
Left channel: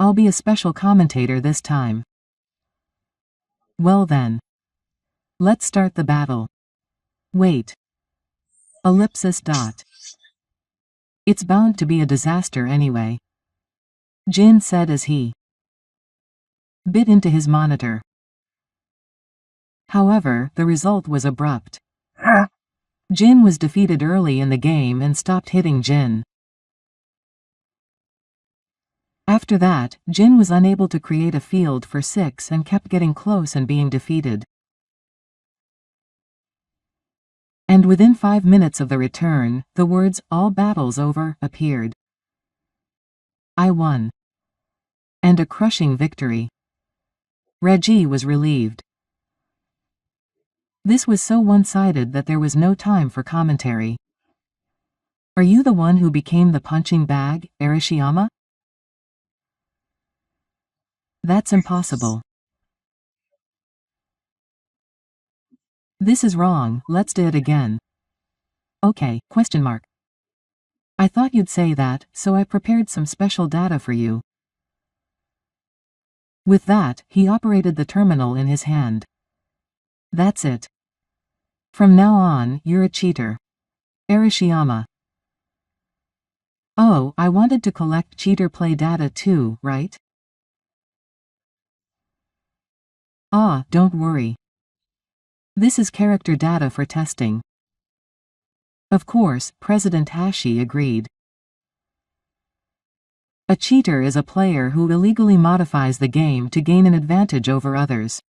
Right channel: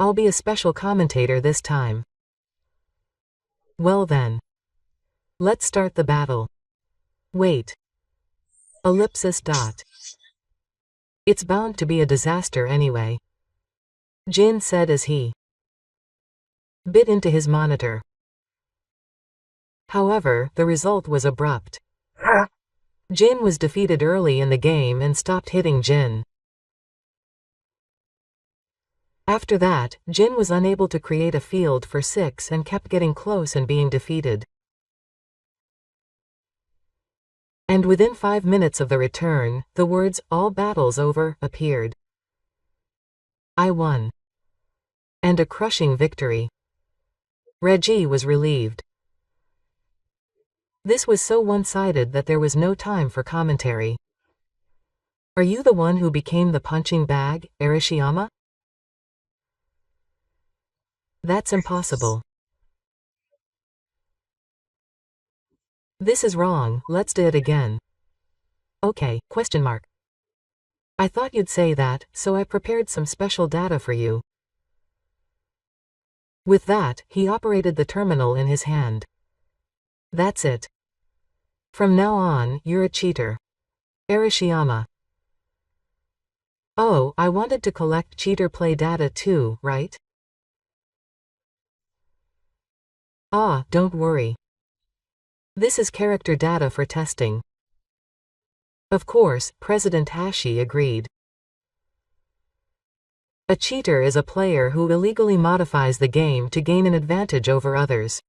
I'll be a special commentator this time. Well then. Let's start the battle. Wait. Ellipsis dot. It's bound to be a disaster anyway. Jin said as he bit into his monitor. However, the result was abrupt. Jin was defeated early in the game and stopped hitting Jin. After that, Jin was unable to create a field for 6 and kept getting close and being defeated. And within 5 minutes of the return, the words, "All battles over," appeared. I won. And a crushing victory. Reggie was relieved. This was so one-sided that there was no time for commentary. Are you the one who became the punching bag, Arashiyama? That's impossible. This is wrong, let's do it again. Okay, ? I thought you'd say that, so I prepared some special data for you. With that, he operated the terminal in his hand. That's it. From now on, you're a cheater. Arashiyama. Oh, I wanted to collect cheater play data too, right? Ah, don't worry. This is character data for testing. Of course, President Hashi agreed. A cheater is a player who illegally modifies the game to gain an advantage over others.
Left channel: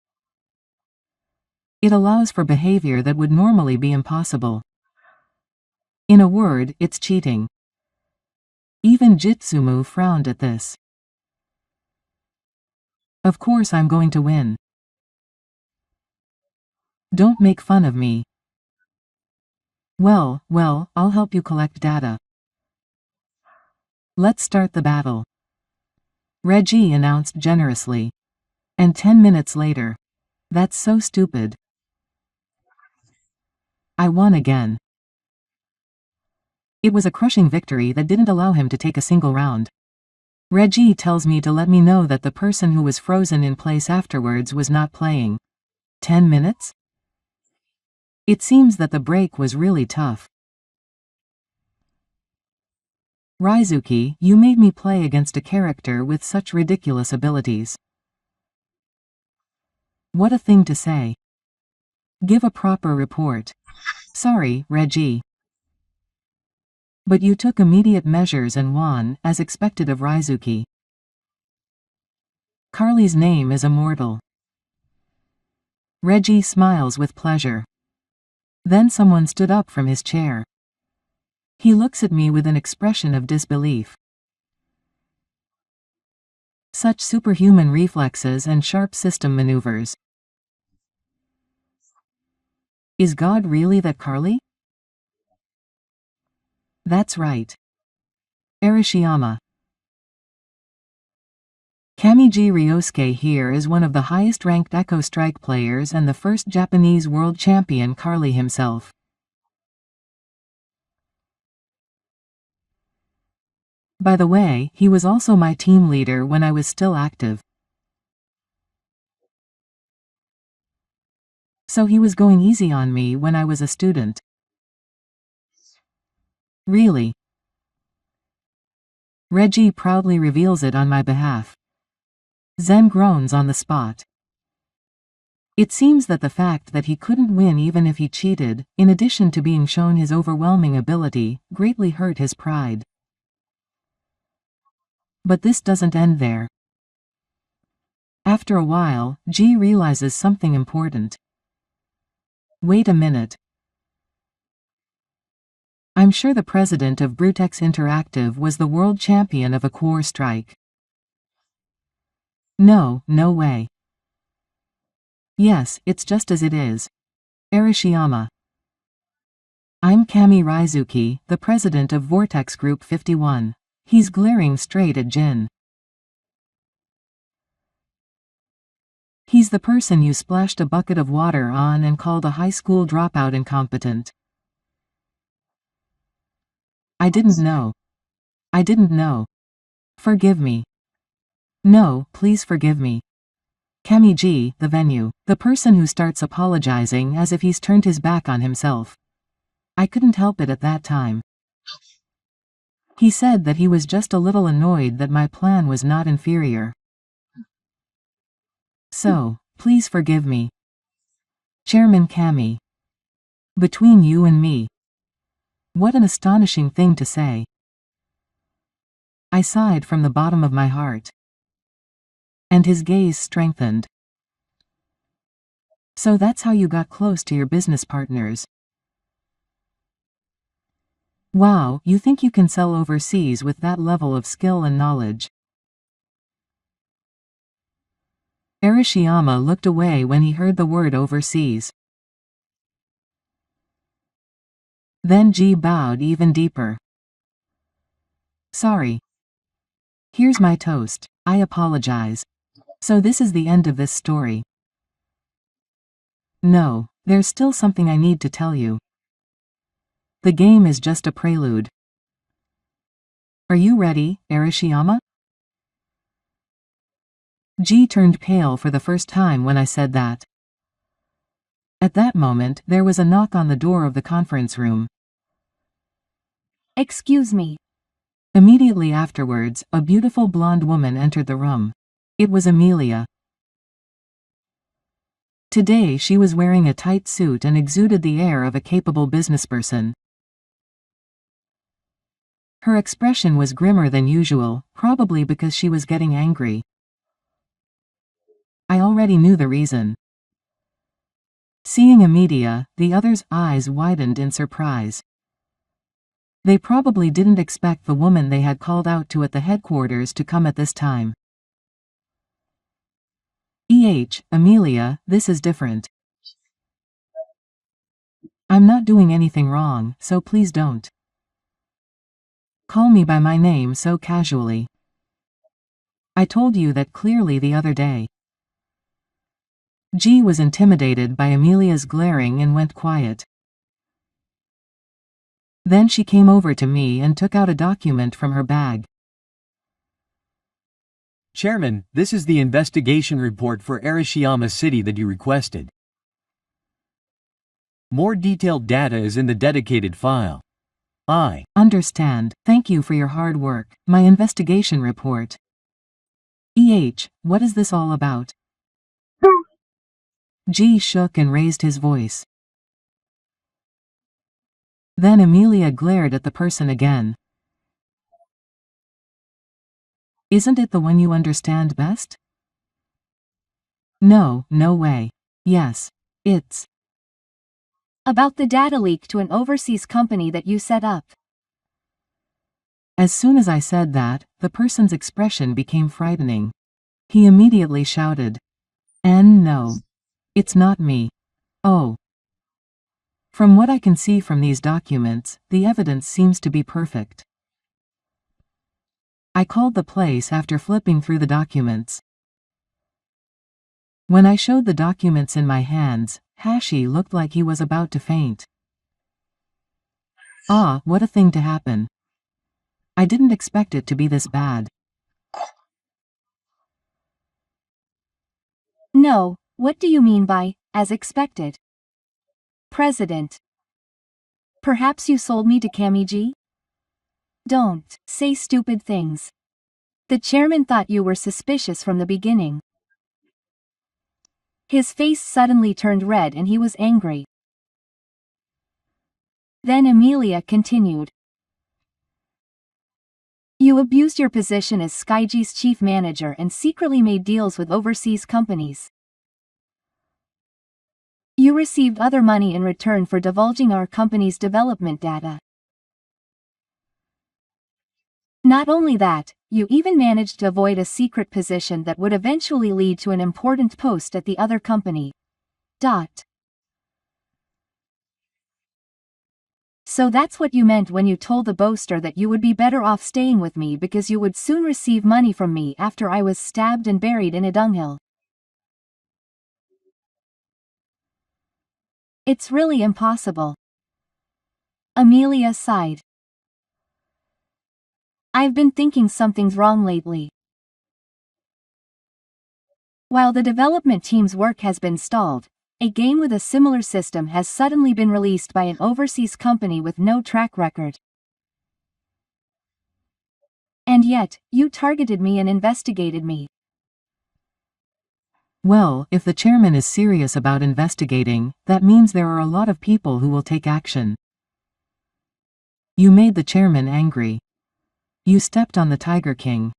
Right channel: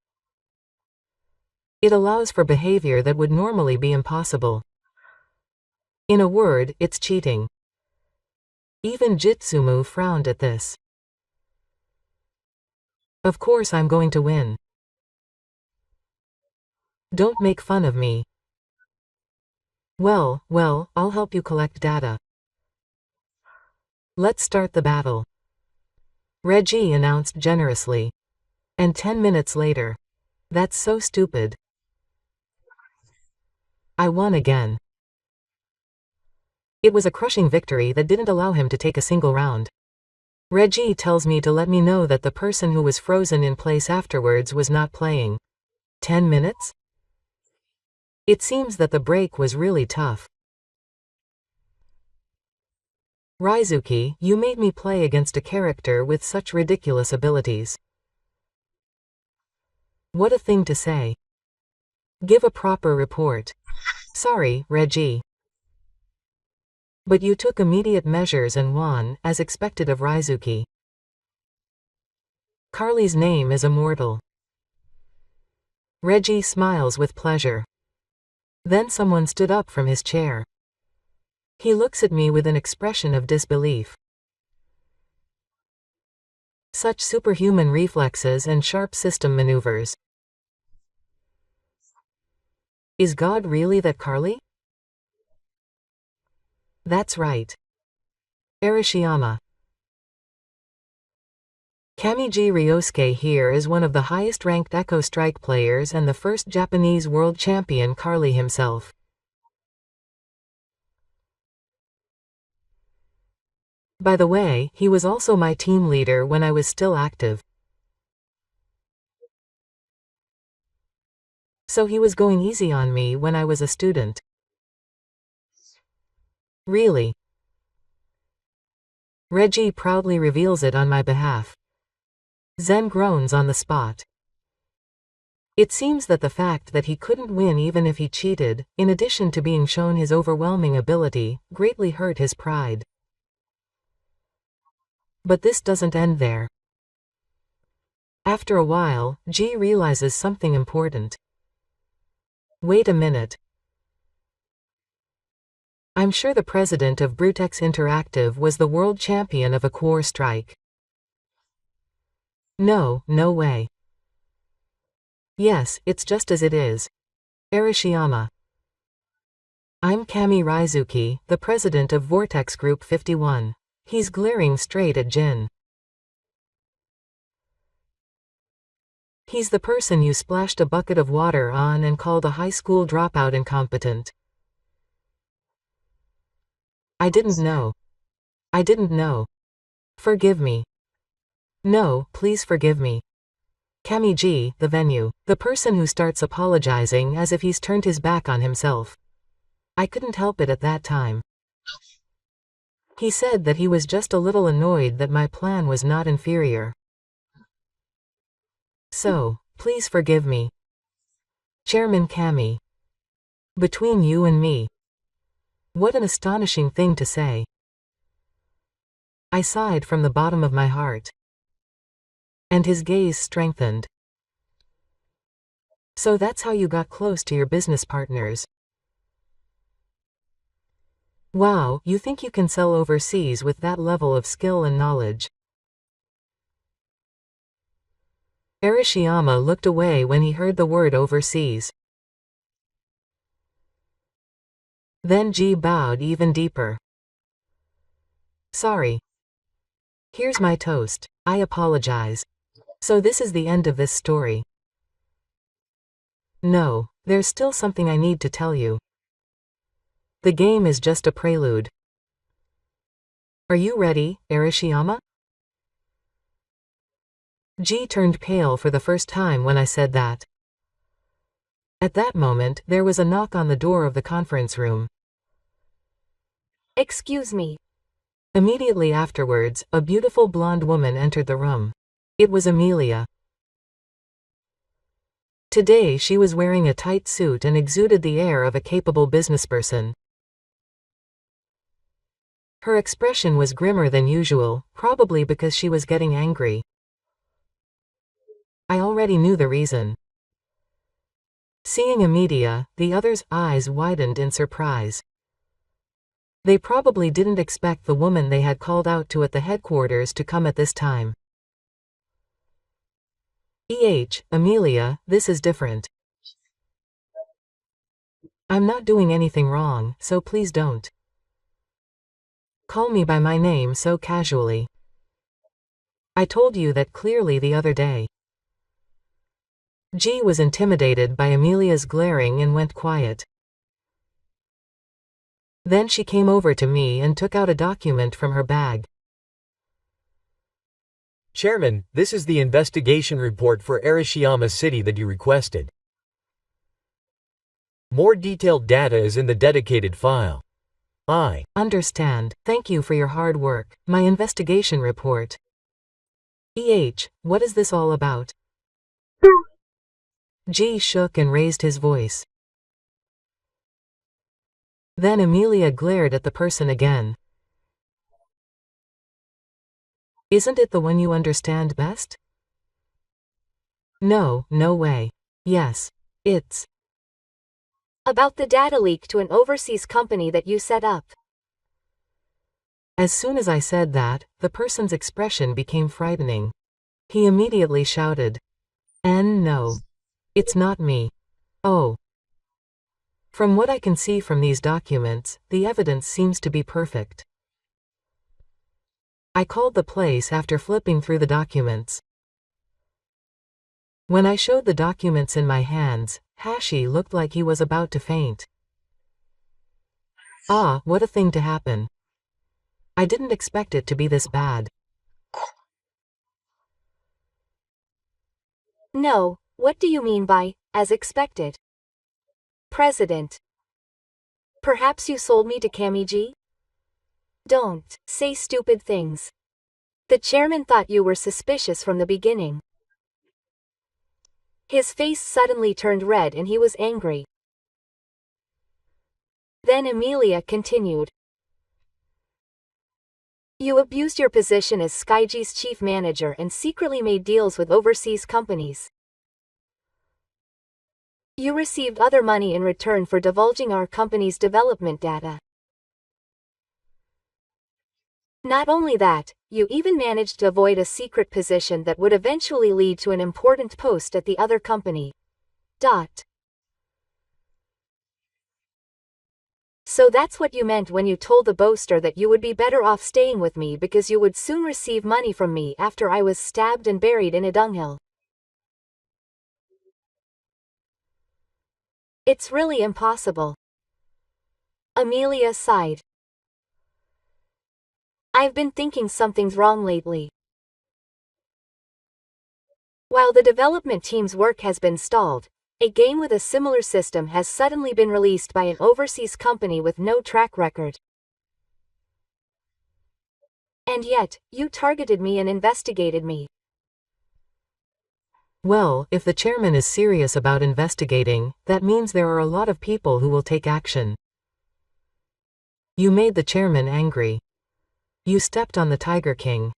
It allows for behavior that would normally be impossible. In a word, it's cheating. Even Jitsumu frowned at this. Of course I'm going to win. Don't make fun of me. Well, I'll help you collect data. Let's start the battle. Reggie announced generously. And 10 minutes later. That's so stupid. I won again. It was a crushing victory that didn't allow him to take a single round. Reggie tells me to let me know that the person who was frozen in place afterwards was not playing. 10 minutes? It seems that the break was really tough. Raizuki, you made me play against a character with such ridiculous abilities. What a thing to say. Give a proper report. Sorry, Reggie. But you took immediate measures and won, as expected of Raizuki. Carly's name is immortal. Reggie smiles with pleasure. Then someone stood up from his chair. He looks at me with an expression of disbelief. Such superhuman reflexes and sharp system maneuvers. Is God really that Carly? That's right. Arashiyama. Kamiji Ryosuke here is one of the highest-ranked Echo Strike players and the first Japanese world champion Carly himself. By the way, he was also my team leader when I was still active. So he was going easy on me when I was a student. Really? Reggie proudly reveals it on my behalf. Zen groans on the spot. It seems that the fact that he couldn't win even if he cheated, in addition to being shown his overwhelming ability, greatly hurt his pride. But this doesn't end there. After a while, G realizes something important. Wait a minute. I'm sure the president of Brutex Interactive was the world champion of a core strike. No way. Yes, it's just as it is. Arashiyama. I'm Kami Raizuki, the president of Vortex Group 51. He's glaring straight at Jin. He's the person you splashed a bucket of water on and called a high school dropout incompetent. I didn't know. Forgive me. No, please forgive me. Cami G, the venue. The person who starts apologizing as if he's turned his back on himself. I couldn't help it at that time. He said that he was just a little annoyed that my plan was not inferior. So, please forgive me. Chairman Cami. Between you and me. What an astonishing thing to say. I sighed from the bottom of my heart. And his gaze strengthened. So that's how you got close to your business partners. Wow, you think you can sell overseas with that level of skill and knowledge? Arashiyama looked away when he heard the word overseas. Then G bowed even deeper. Sorry. Here's my toast. I apologize. So this is the end of this story. No, there's still something I need to tell you. The game is just a prelude. Are you ready, Arashiyama? G turned pale for the first time when I said that. At that moment, there was a knock on the door of the conference room. Excuse me. Immediately afterwards, a beautiful blonde woman entered the room. It was Amelia. Today she was wearing a tight suit and exuded the air of a capable businessperson. Her expression was grimmer than usual, probably because she was getting angry. I already knew the reason. Seeing Amelia, the others' eyes widened in surprise. They probably didn't expect the woman they had called out to at the headquarters to come at this time. Amelia, this is different. I'm not doing anything wrong, so please don't call me by my name so casually. I told you that clearly the other day. G was intimidated by Amelia's glaring and went quiet. Then she came over to me and took out a document from her bag. Chairman, this is the investigation report for Arashiyama City that you requested. More detailed data is in the dedicated file. I understand. Thank you for your hard work. My investigation report. What is this all about? G shook and raised his voice. Then Amelia glared at the person again. Isn't it the one you understand best? No, no way. Yes. It's about the data leak to an overseas company that you set up. As soon as I said that, the person's expression became frightening. He immediately shouted, No. It's not me. Oh. From what I can see from these documents, the evidence seems to be perfect. I called the place after flipping through the documents. When I showed the documents in my hands, Hashi looked like he was about to faint. Ah, what a thing to happen. I didn't expect it to be this bad. No, what do you mean by, as expected? President. Perhaps you sold me to Kamiji? Don't say stupid things. The chairman thought you were suspicious from the beginning. His face suddenly turned red and he was angry. Then Amelia continued. You abused your position as Skyji's chief manager and secretly made deals with overseas companies. You received other money in return for divulging our company's development data. Not only that, you even managed to avoid a secret position that would eventually lead to an important post at the other company. So that's what you meant when you told the boaster that you would be better off staying with me because you would soon receive money from me after I was stabbed and buried in a dunghill. It's really impossible. Amelia sighed. I've been thinking something's wrong lately. While the development team's work has been stalled, a game with a similar system has suddenly been released by an overseas company with no track record. And yet, you targeted me and investigated me. Well, if the chairman is serious about investigating, that means there are a lot of people who will take action. You made the chairman angry. You stepped on the Tiger King.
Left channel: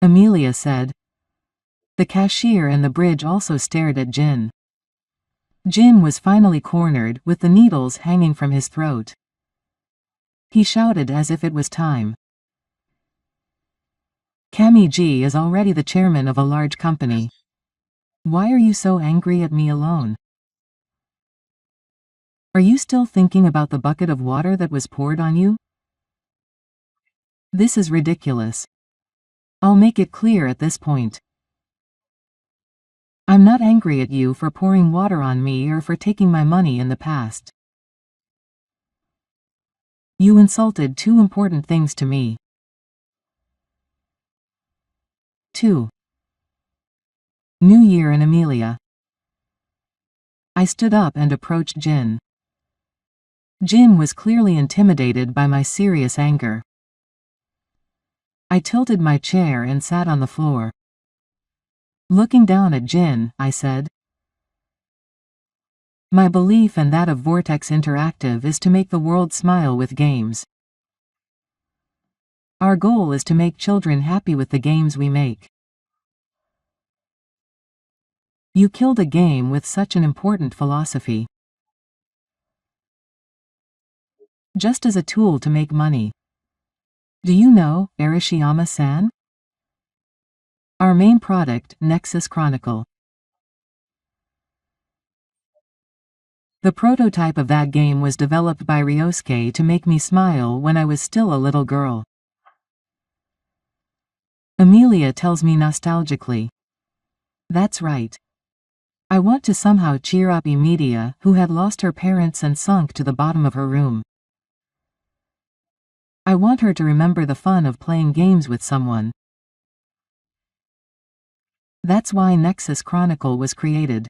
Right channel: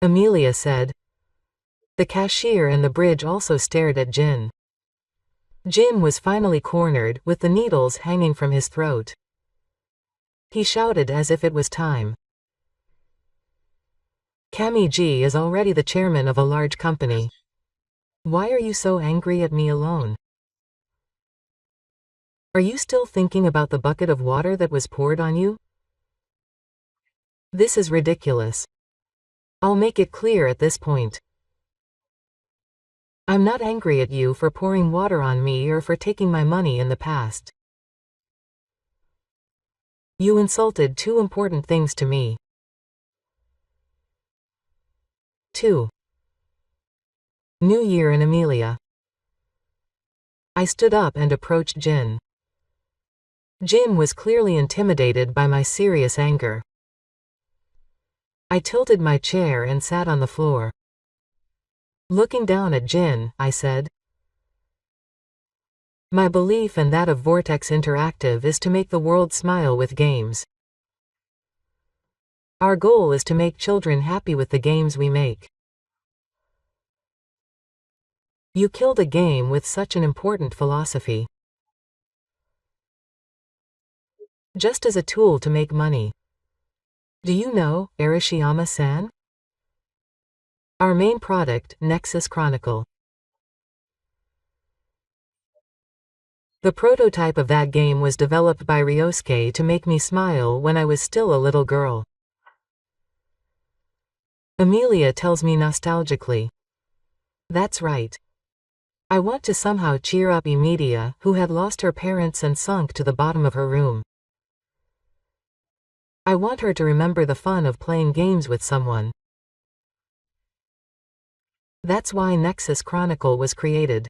Amelia said. The cashier and the bridge also stared at Jin. Jin was finally cornered, with the needles hanging from his throat. He shouted as if it was time. Kami-ji is already the chairman of a large company. Why are you so angry at me alone? Are you still thinking about the bucket of water that was poured on you? This is ridiculous. I'll make it clear at this point. I'm not angry at you for pouring water on me or for taking my money in the past. You insulted two important things to me. 2. New Year and Amelia. I stood up and approached Jin. Jin was clearly intimidated by my serious anger. I tilted my chair and sat on the floor. Looking down at Jin, I said, my belief and that of Vortex Interactive is to make the world smile with games. Our goal is to make children happy with the games we make. You killed a game with such an important philosophy. Just as a tool to make money. Do you know, Arashiyama-san? Our main product, Nexus Chronicle. The prototype of that game was developed by Ryosuke to make me smile when I was still a little girl. Amelia tells me nostalgically. That's right. I want to somehow cheer up Emilia, who had lost her parents and sunk to the bottom of her room. I want her to remember the fun of playing games with someone. That's why Nexus Chronicle was created.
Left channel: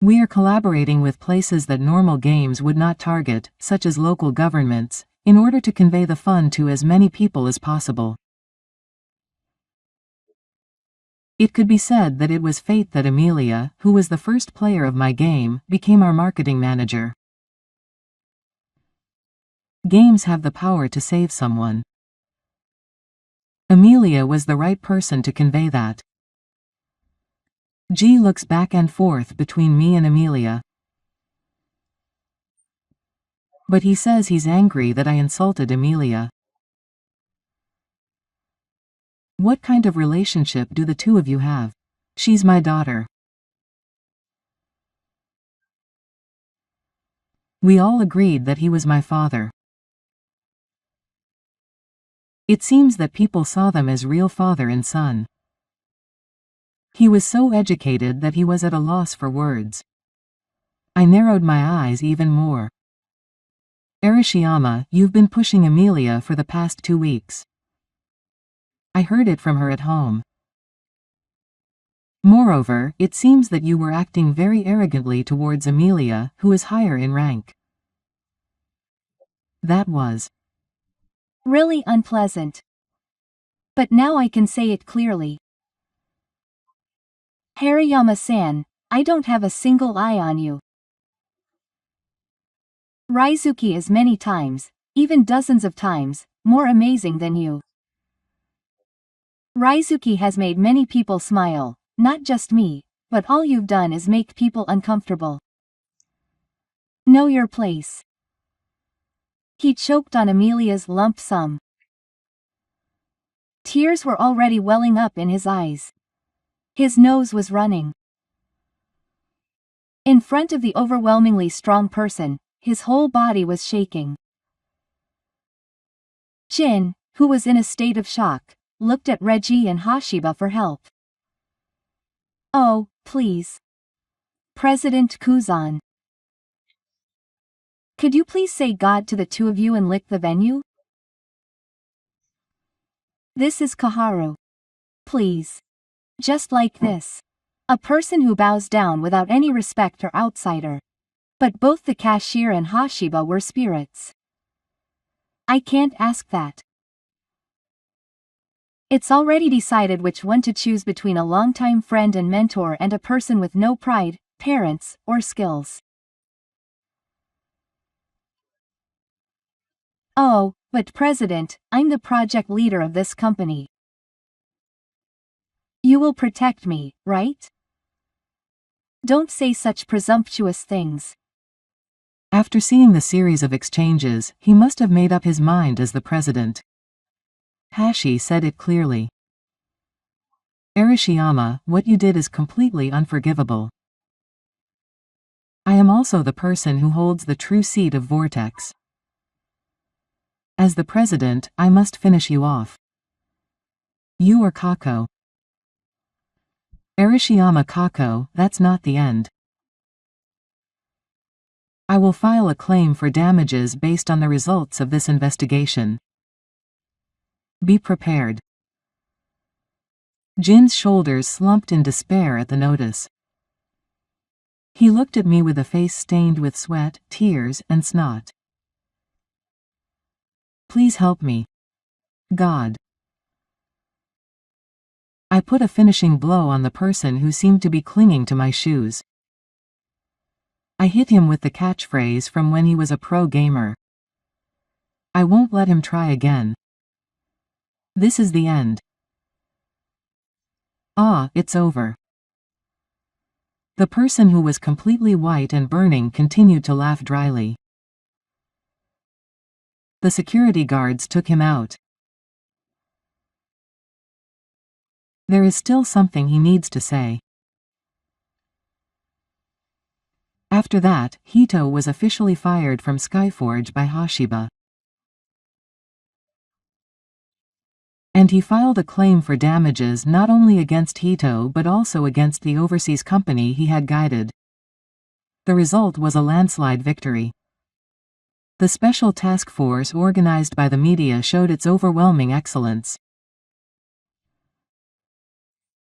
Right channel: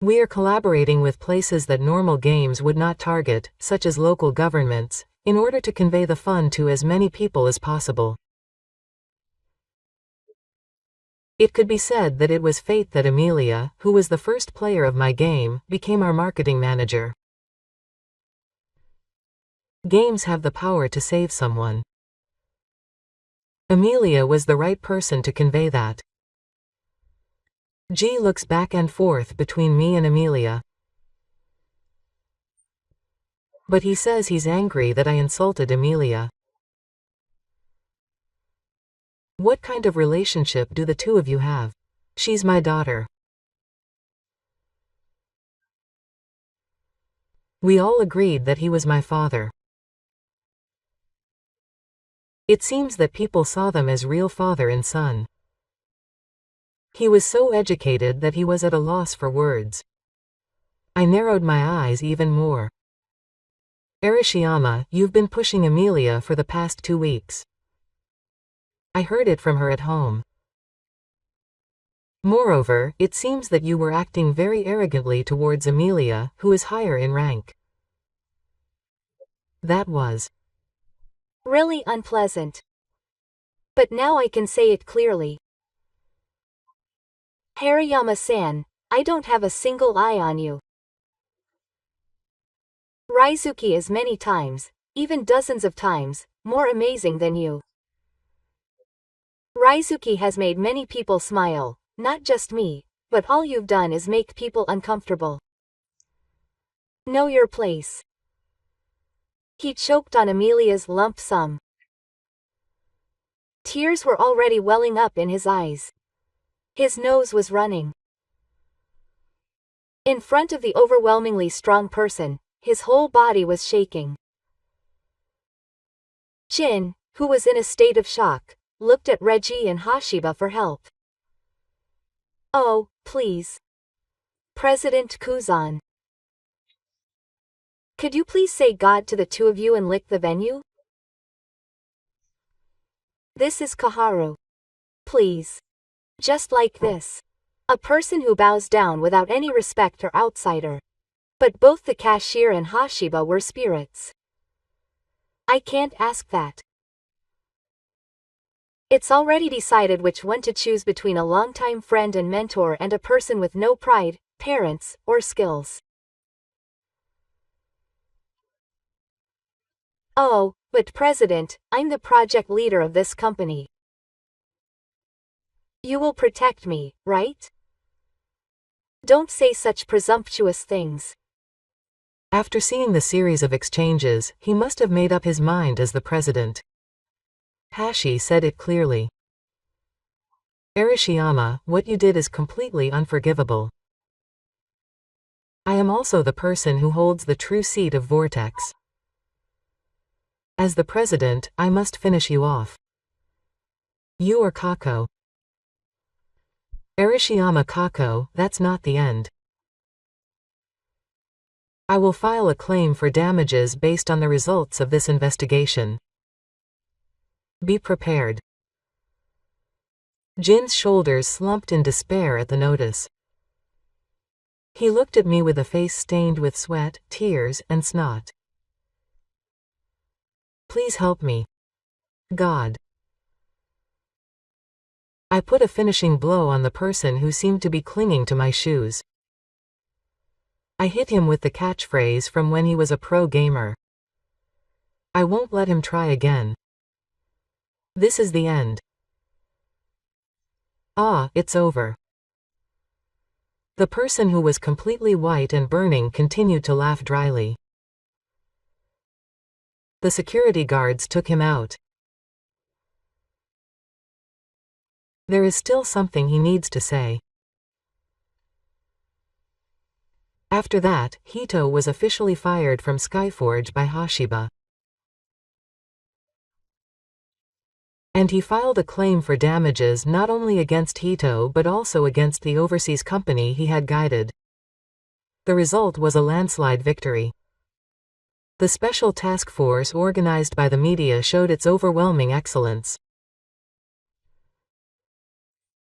We are collaborating with places that normal games would not target, such as local governments, in order to convey the fun to as many people as possible. It could be said that it was fate that Amelia, who was the first player of my game, became our marketing manager. Games have the power to save someone. Amelia was the right person to convey that. G looks back and forth between me and Amelia. But he says he's angry that I insulted Amelia. What kind of relationship do the two of you have? She's my daughter. We all agreed that he was my father. It seems that people saw them as real father and son. He was so educated that he was at a loss for words. I narrowed my eyes even more. Arashiyama, you've been pushing Amelia for the past 2 weeks. I heard it from her at home. Moreover, it seems that you were acting very arrogantly towards Amelia, who is higher in rank. That was really unpleasant. But now I can say it clearly. Hariyama-san, I don't have a single eye on you. Raizuki is many times, even dozens of times, more amazing than you. Raizuki has made many people smile, not just me, but all you've done is make people uncomfortable. Know your place. He choked on Amelia's lump sum. Tears were already welling up in his eyes. His nose was running. In front of the overwhelmingly strong person, his whole body was shaking. Jin, who was in a state of shock, looked at Reggie and Hashiba for help. Oh, please. President Kuzan. Could you please say God to the two of you and lick the venue? This is Kaharu. Please. Just like this. A person who bows down without any respect or outsider. But both the cashier and Hashiba were spirits. I can't ask that. It's already decided which one to choose between a longtime friend and mentor and a person with no pride, parents, or skills. Oh, but President, I'm the project leader of this company. You will protect me, right? Don't say such presumptuous things. After seeing the series of exchanges, he must have made up his mind as the president. Hashi said it clearly. Arashiyama, what you did is completely unforgivable. I am also the person who holds the true seat of Vortex. As the president, I must finish you off. You or Kako. Arashiyama Kako, that's not the end. I will file a claim for damages based on the results of this investigation. Be prepared. Jin's shoulders slumped in despair at the notice. He looked at me with a face stained with sweat, tears, and snot. Please help me. God. I put a finishing blow on the person who seemed to be clinging to my shoes. I hit him with the catchphrase from when he was a pro gamer. I won't let him try again. This is the end. Ah, it's over. The person who was completely white and burning continued to laugh dryly. The security guards took him out. There is still something he needs to say. After that, Hito was officially fired from Skyforge by Hashiba. And he filed a claim for damages not only against Hito but also against the overseas company he had guided. The result was a landslide victory. The special task force organized by the media showed its overwhelming excellence.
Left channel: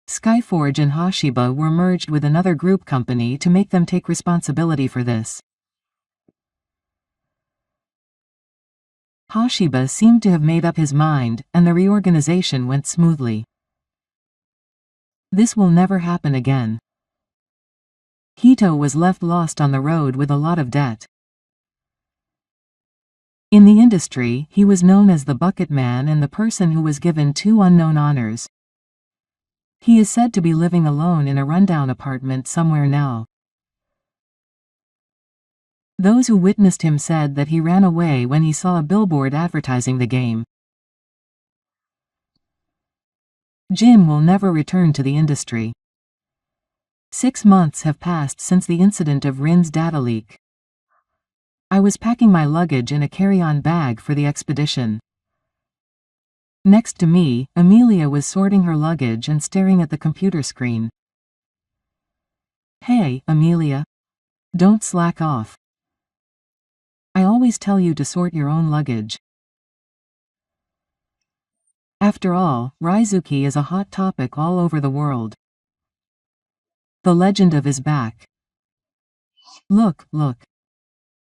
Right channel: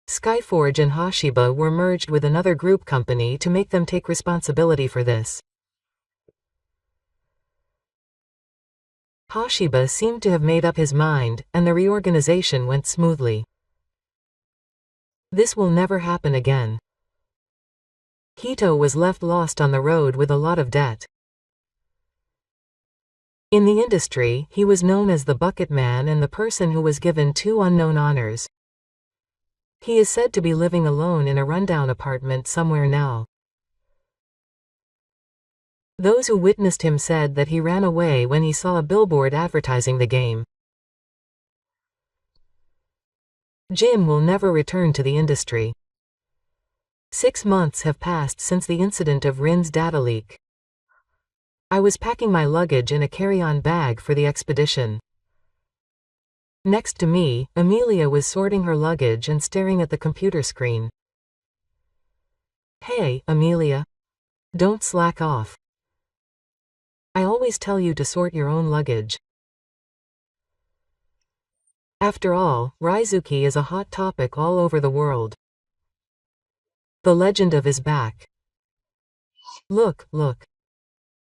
Skyforge and Hashiba were merged with another group company to make them take responsibility for this. Hashiba seemed to have made up his mind, and the reorganization went smoothly. This will never happen again. Hito was left lost on the road with a lot of debt. In the industry, he was known as the Bucket Man and the person who was given 2 unknown honors. He is said to be living alone in a rundown apartment somewhere now. Those who witnessed him said that he ran away when he saw a billboard advertising the game. Jin will never return to the industry. 6 months have passed since the incident of Rin's data leak. I was packing my luggage in a carry-on bag for the expedition. Next to me, Amelia was sorting her luggage and staring at the computer screen. Hey, Amelia. Don't slack off. I always tell you to sort your own luggage. After all, Raizuki is a hot topic all over the world. The legend of his back. Look, look.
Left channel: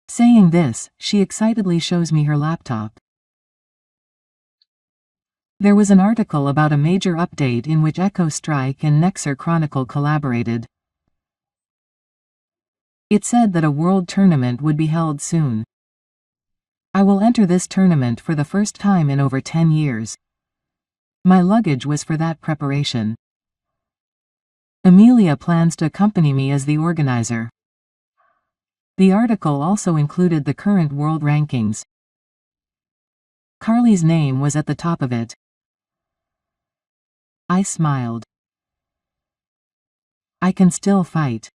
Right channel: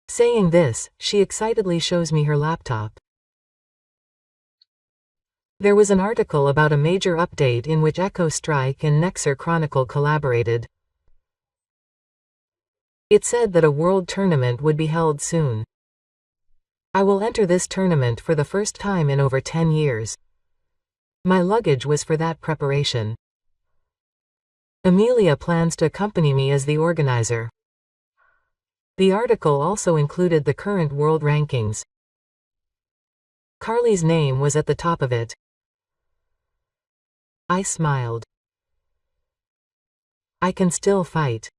Saying this, she excitedly shows me her laptop. There was an article about a major update in which Echo Strike and Nexer Chronicle collaborated. It said that a world tournament would be held soon. I will enter this tournament for the first time in over 10 years. My luggage was for that preparation. Amelia plans to accompany me as the organizer. The article also included the current world rankings. Carly's name was at the top of it. I smiled. I can still fight.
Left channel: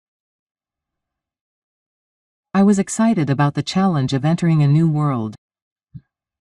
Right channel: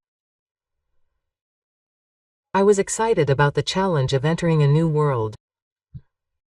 I was excited about the challenge of entering a new world.